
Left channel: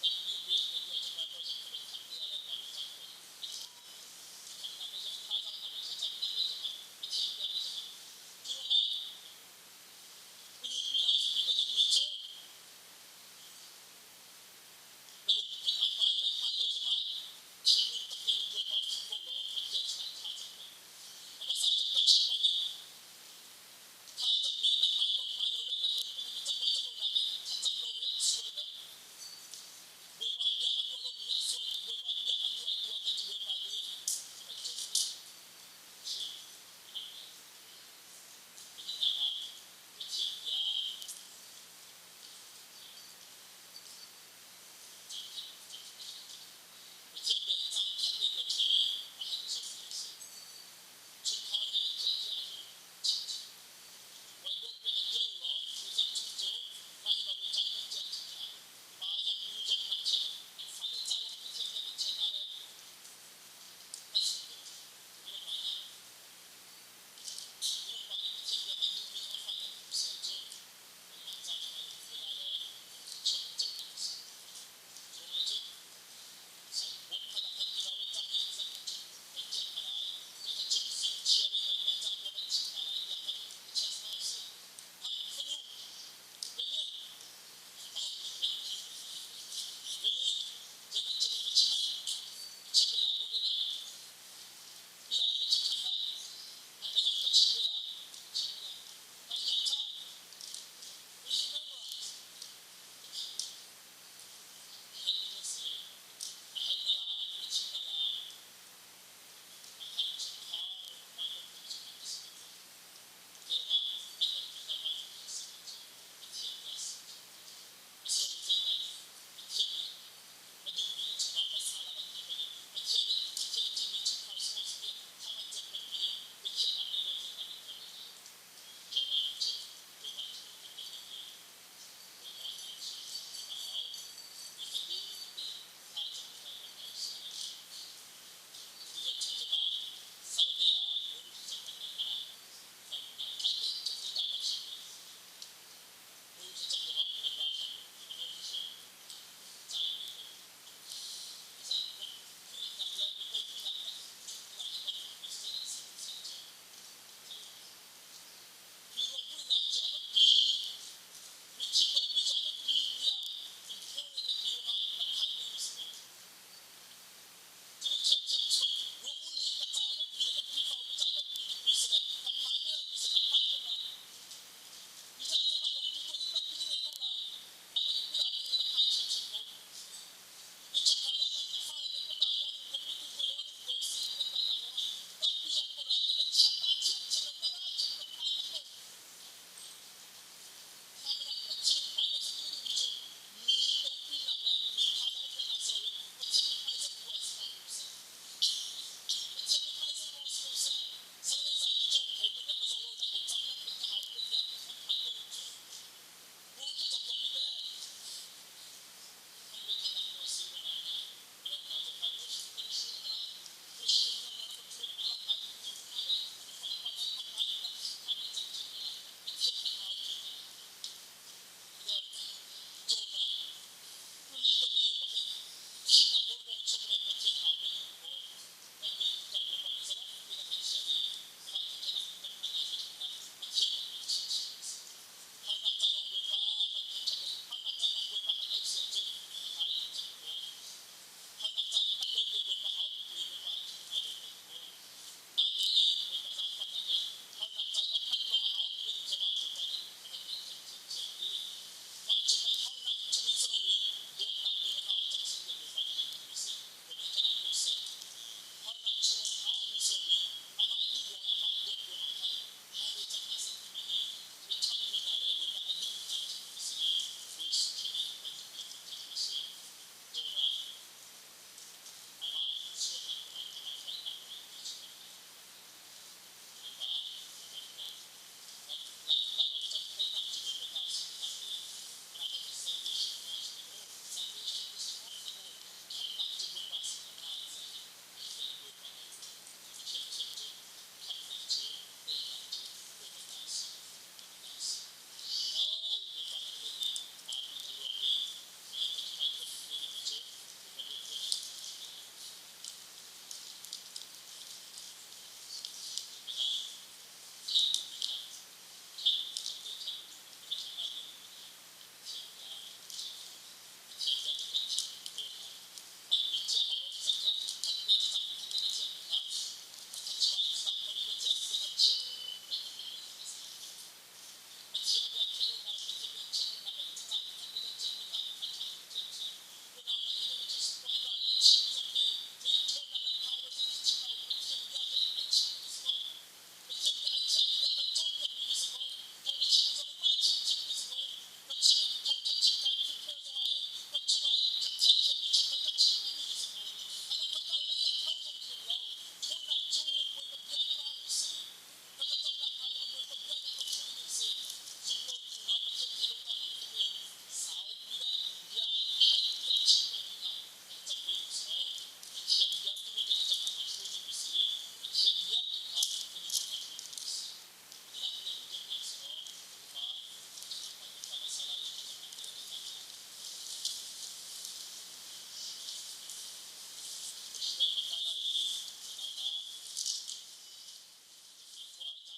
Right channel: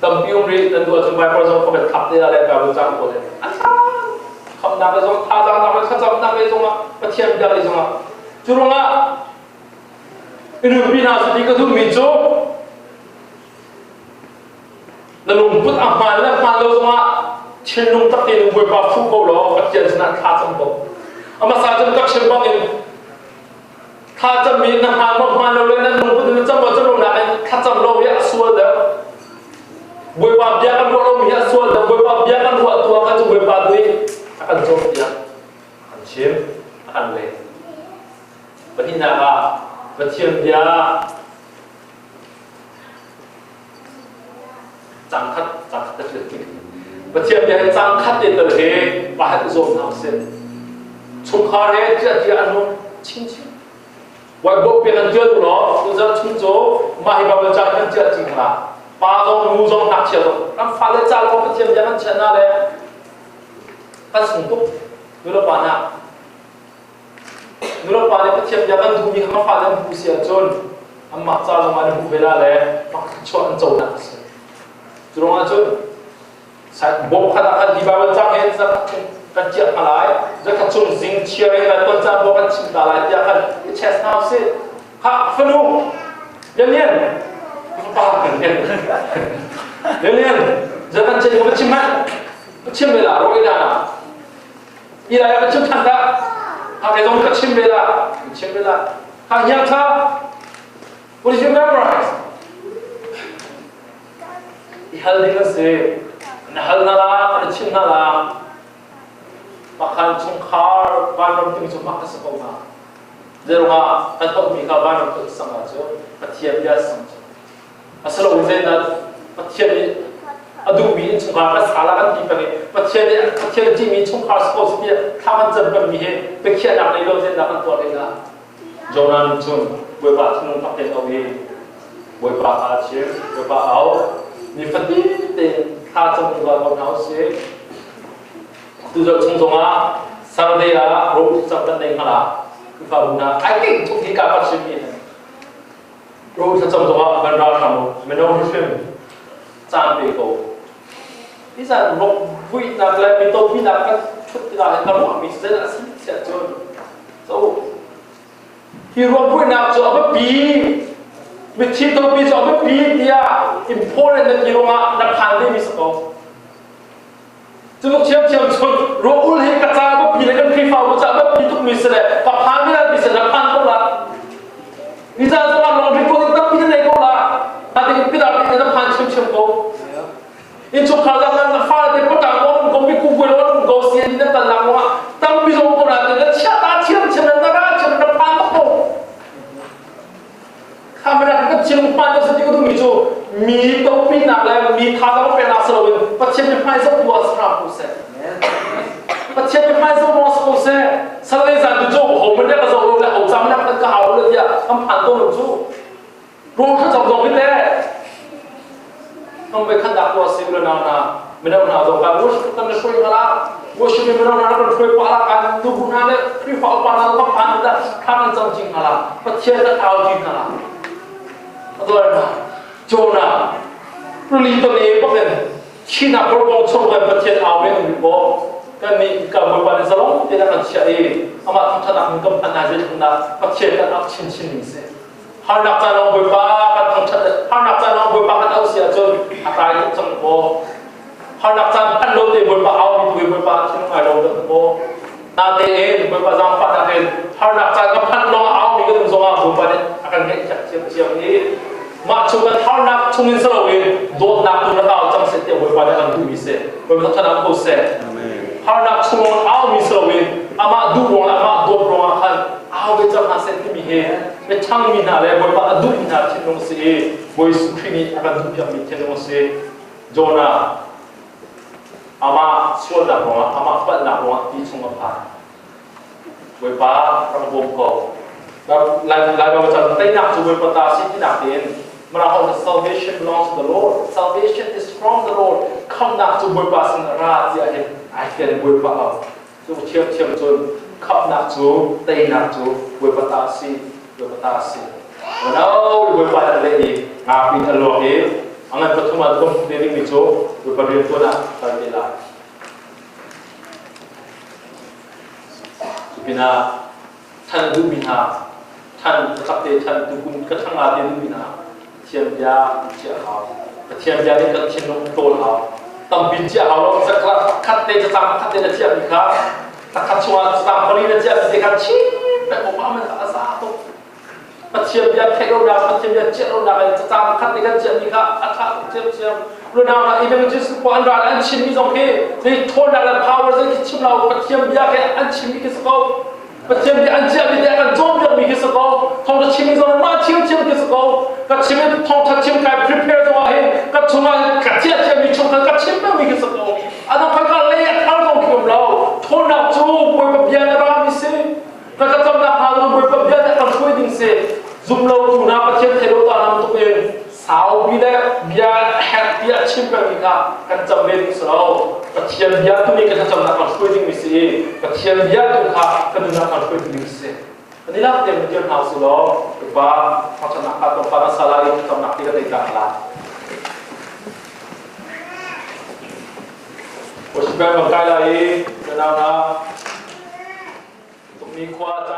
Tapi umri dan dua jumpa person kau bertap dia ada kau jauh boleh. Không nằm trong tha ra nằm trong trong nằm trong mà thiên địa trong chúng nó ini bina sedih ke tu mijo lalu put amal lah malu semua ชินนุ่งตักตีนุ่งบวยปาฟูโกโลกัดเจนสนัดท่าจำบอกอามาสาจำกักเชมบังอินท่าจำมีน้ำหานมากเราเลยนั่นนุ่งพุทธจำบอกจำลงนั้นท่าจำโลวิอาส่วนเดียวบวยปาเบียกันเรามีอาส่วนเดียวบวยปาเบียกันหัวตัวกันจะบวยปาด้วยอาการโจมตีอาการชิมอาการเล่ปฏินาปฏิเชียมเดียจังคัดจะเกิดขึ้นปฏิเชียมเดียจังคัดเดินเลยบาดโจมน้ำเส้นชุมคาเรเจ้าที่อนุชินวัยบอกเป็นเจ้าตัวเนาะตัวเจ้าชุมโจมาให้บาปจังกันเจ้าจริงละป้าจงมูจงนักเชี่ยวน้ำฟ้าเลยจ้าเราปฏิเชียมเดียกันชนะเลยกันสุนทุกดูแลปานะดูแลปานะปฏิเชียมเดียกันดูมีคำฟ้าเรื่องผู้เสียจนอันมักจ้าลงมาในผู้เวลาเลยมักชวนโจนักเสียจุดนั้นจนบอกขนาดกันที่บาปจังเห็นสักกันเจ้าอะไรจะขัดชนสิ่งเชื่อให้กันต้นจำบอกกันชิมตาลายจะกันเชสนาสิข้าฟนุเรียนป้ากันเรียนจะกันเชื่อกันชิมมันชิมเวลารู้ได้นะอีไรกันชิมทันได้หากไอ้ตรงกันชิมเวลาหากยังท่า what did you memorize อีฮัลนี่ก็สินั่นฮัลนั่นละกันชิมนั่นละbahkan cungkar banam tu macam makan sekolah, jerunga kantor mika banam tu sangat jo, patian dia sangat. Asal ujian dat patian adu mi cungkar kan salah kan tipe ni, patian jimi cungkar sekolah dia, kawan jemput mihe, pekian nak lilo ujian nak kantor lila. Jonan jun, buat tunung pakai tawi, buat acier, buat au, ni fadi ten, kacang buat orang sih. Tujuh cungcunga, sardea, roh sabdan dengar, kifabuna. I think tu kita pasti ni. Roh cungcunga bandar kamu, menong film, sampai kau. Bisa roh buat nak leh, minta nak kan, cut tidak hendak mesti nak siap jon. So, hero buat nak jo apa bi, mesti tu bi jo apa bi dia, important nak hero nak pandai mesti kau. จุดเชื่อมชนรู้อุลให้กระจายว่าปีนั้นคือฝ่าว่าจะว่าปีทุกมิสเลยกับพันไม่ได้มิสเลยพันก็ละมิสจะว่าลองไปโกงตั้งปีนั้นก็ละแต่ที่ปีนั้นปีนั้นพันเชื่อมก็อินชุกข่าวจากนั้นฟ้าเด็กก็ต่างว่าก็มีคู่คุยว่าก็เสียที่นั่นตลาดว่าตั้งปีสองก็ละแต่เชื่อตาเชื่อมนั้นนะเชื่อมนั้นพันก็ข้าไม่ได้ก็เชื่อมพันก็สิ่งที่ก็ต้องมีตัวปีนักเลยมีท่าต้องเป็นนักสโลวินปัจจัยเป็นไพ่สมบูรณ์สำหรับผู้เสพปัจจัยเป็นไพ่สมบูรณ์ผู้เสพสลายจากตัวจูผมไม่ได้กระโดดเลยผมจำนักก็เอาเลยที่ทำผ่านตัวหนุ่มจูรู้เขาจำตรงนี้แหละต้องไปขันดักตัวสิ่งเหล่านั้นไม่ได้หนาตรงกันว่าฉันต้องช่วยกันละว่าฉันไม่ได้หนาต้องช่วยปาละกันตัวบุญนั่นเลยที่ฝ่าปาละต้องผ่านได้ข้ามันจำจริงกันละปัจจัยจะเอาจริงกันละตัวอะไรนะโจนารู้ลีตัวนี้ก็เป็นชีนักประมงชนกันประเทศอาเมริกากันนี่กับบุปผาสลองที่นั่นเชื่อเองอามาทำชนะมันก็พัฒนาจะทำได้ประเทศกันอักชินนี่สิหานักการน้องบุปผากันทำชนะหานักการน้องบุปผากันเอาเสียจนอะไรทุกจังหวะหานักการพันโลเตบุปผาเอาบุปผาที่น้องไอ้เราเดินโบนาเตเองบุปผาจำพันนาเองหานักการกับพันน้องเอามีก็ต้องส่งมาบุปผาเนี่ยอาการเงี้ยเชี่ยวนี้มาชุกันท่านักชุมินสลาวินโดนนักตัวนักเอาจำเสร็จเดี๋ยวไปได้กันดูมิเซ่ไปพัฒนาโคเซ่ท่านักชุมเอามิสลาวินอามาดูวงอามาดูโปรมาขันเอาไปจำหาเส้นที่มีเหตุไปช่างมินาเลยไปพัฒนาดูมินาที่น้องเซ่ไปสุขีนีอาการดูพิจารณาที่น้องเซ่โจนาอามาส่วนนักโปรมาอามาพัฒนาโปรมาที่ชุมพาไปป้าประมงก็แบบหลายแบบจะได้นักจูไปพัฒนาสิ่งที่นักเรียนMerahal salvation belongs to the Lord. Salvation is from the Lord. Come nak tu berpas ngerat dia akhir berpas. Tu cium tu come nak tu, tay nak tu berpatasi. Menau berpas lagi ngapin Allah ni. Angan pertama tu diri ni tu berpas tu nak terjela. Binaท่านดูบินาท่านขับเตท่านดูกุนกระทั่งอาเดดูบินาเทียมยาเจียเขาเทียมยานี่ก็เทียมลงโตเขา ต้องบินเจ้าเอาลงสักคัดเตจะจำคัดเตจะเทียบอีกครับแต่คัดชัวร์จำคนนี้จะเทียบอีกครับชี้แต่ผมว่ามันอาสาตุปัจเจียมยาเทโรดาปัจเจียมยาเจโรดาจะจำคัดเตจะเทียบอีกครับอัฐเทียบเทียบรู้นะว่าอีเวนต์จิสปอนดาอันชิมมีสองที่ในโทนดาและพาวเวอร์จะคิดเราปัจเจียมยาแค่อันชิมมีกี่สกอตปัจเจียมยาอันเจียมมีแต่อันจอมยามีกี่สกอตทองจะชิมมีสองมาชิมกี่สกอตก็ชิมทองทัดชิมกาย prepare ตัวเองก็ชงมากัดเจียเจียมีชงกันก็ชิมไม่มีกี่สกอตอันนั้นพักกันเลยอันต้องเกี่ยวเราโทนนับจูบวยแบบยาในร้านมิสิก็จะจำนับหาเราบวยแบบยาในการช่วยดิ้งเสียซุ่มเราตูน่าปัจเจียมเทโรตานำตัวเองสาวบีได้บีแฮปปี้ชิมแบบนี้ค่ะกันจำเป็นสุดแล้วปัจเจียมบีตัวนี้ก็จะจำนักการช่วยดิ้งมิสิปัจเจียมบีตัวค่ะก็จะนักการช่วยดิ้งมิสิอันนี้เราเต็มที่เราสุดแล้วว่าพอชนะการต้องการสลายจำนักที่ก็ได้กันละว่าชีวิตมันใกล้ละอีกแล้วนะตรงนี้ควาใจ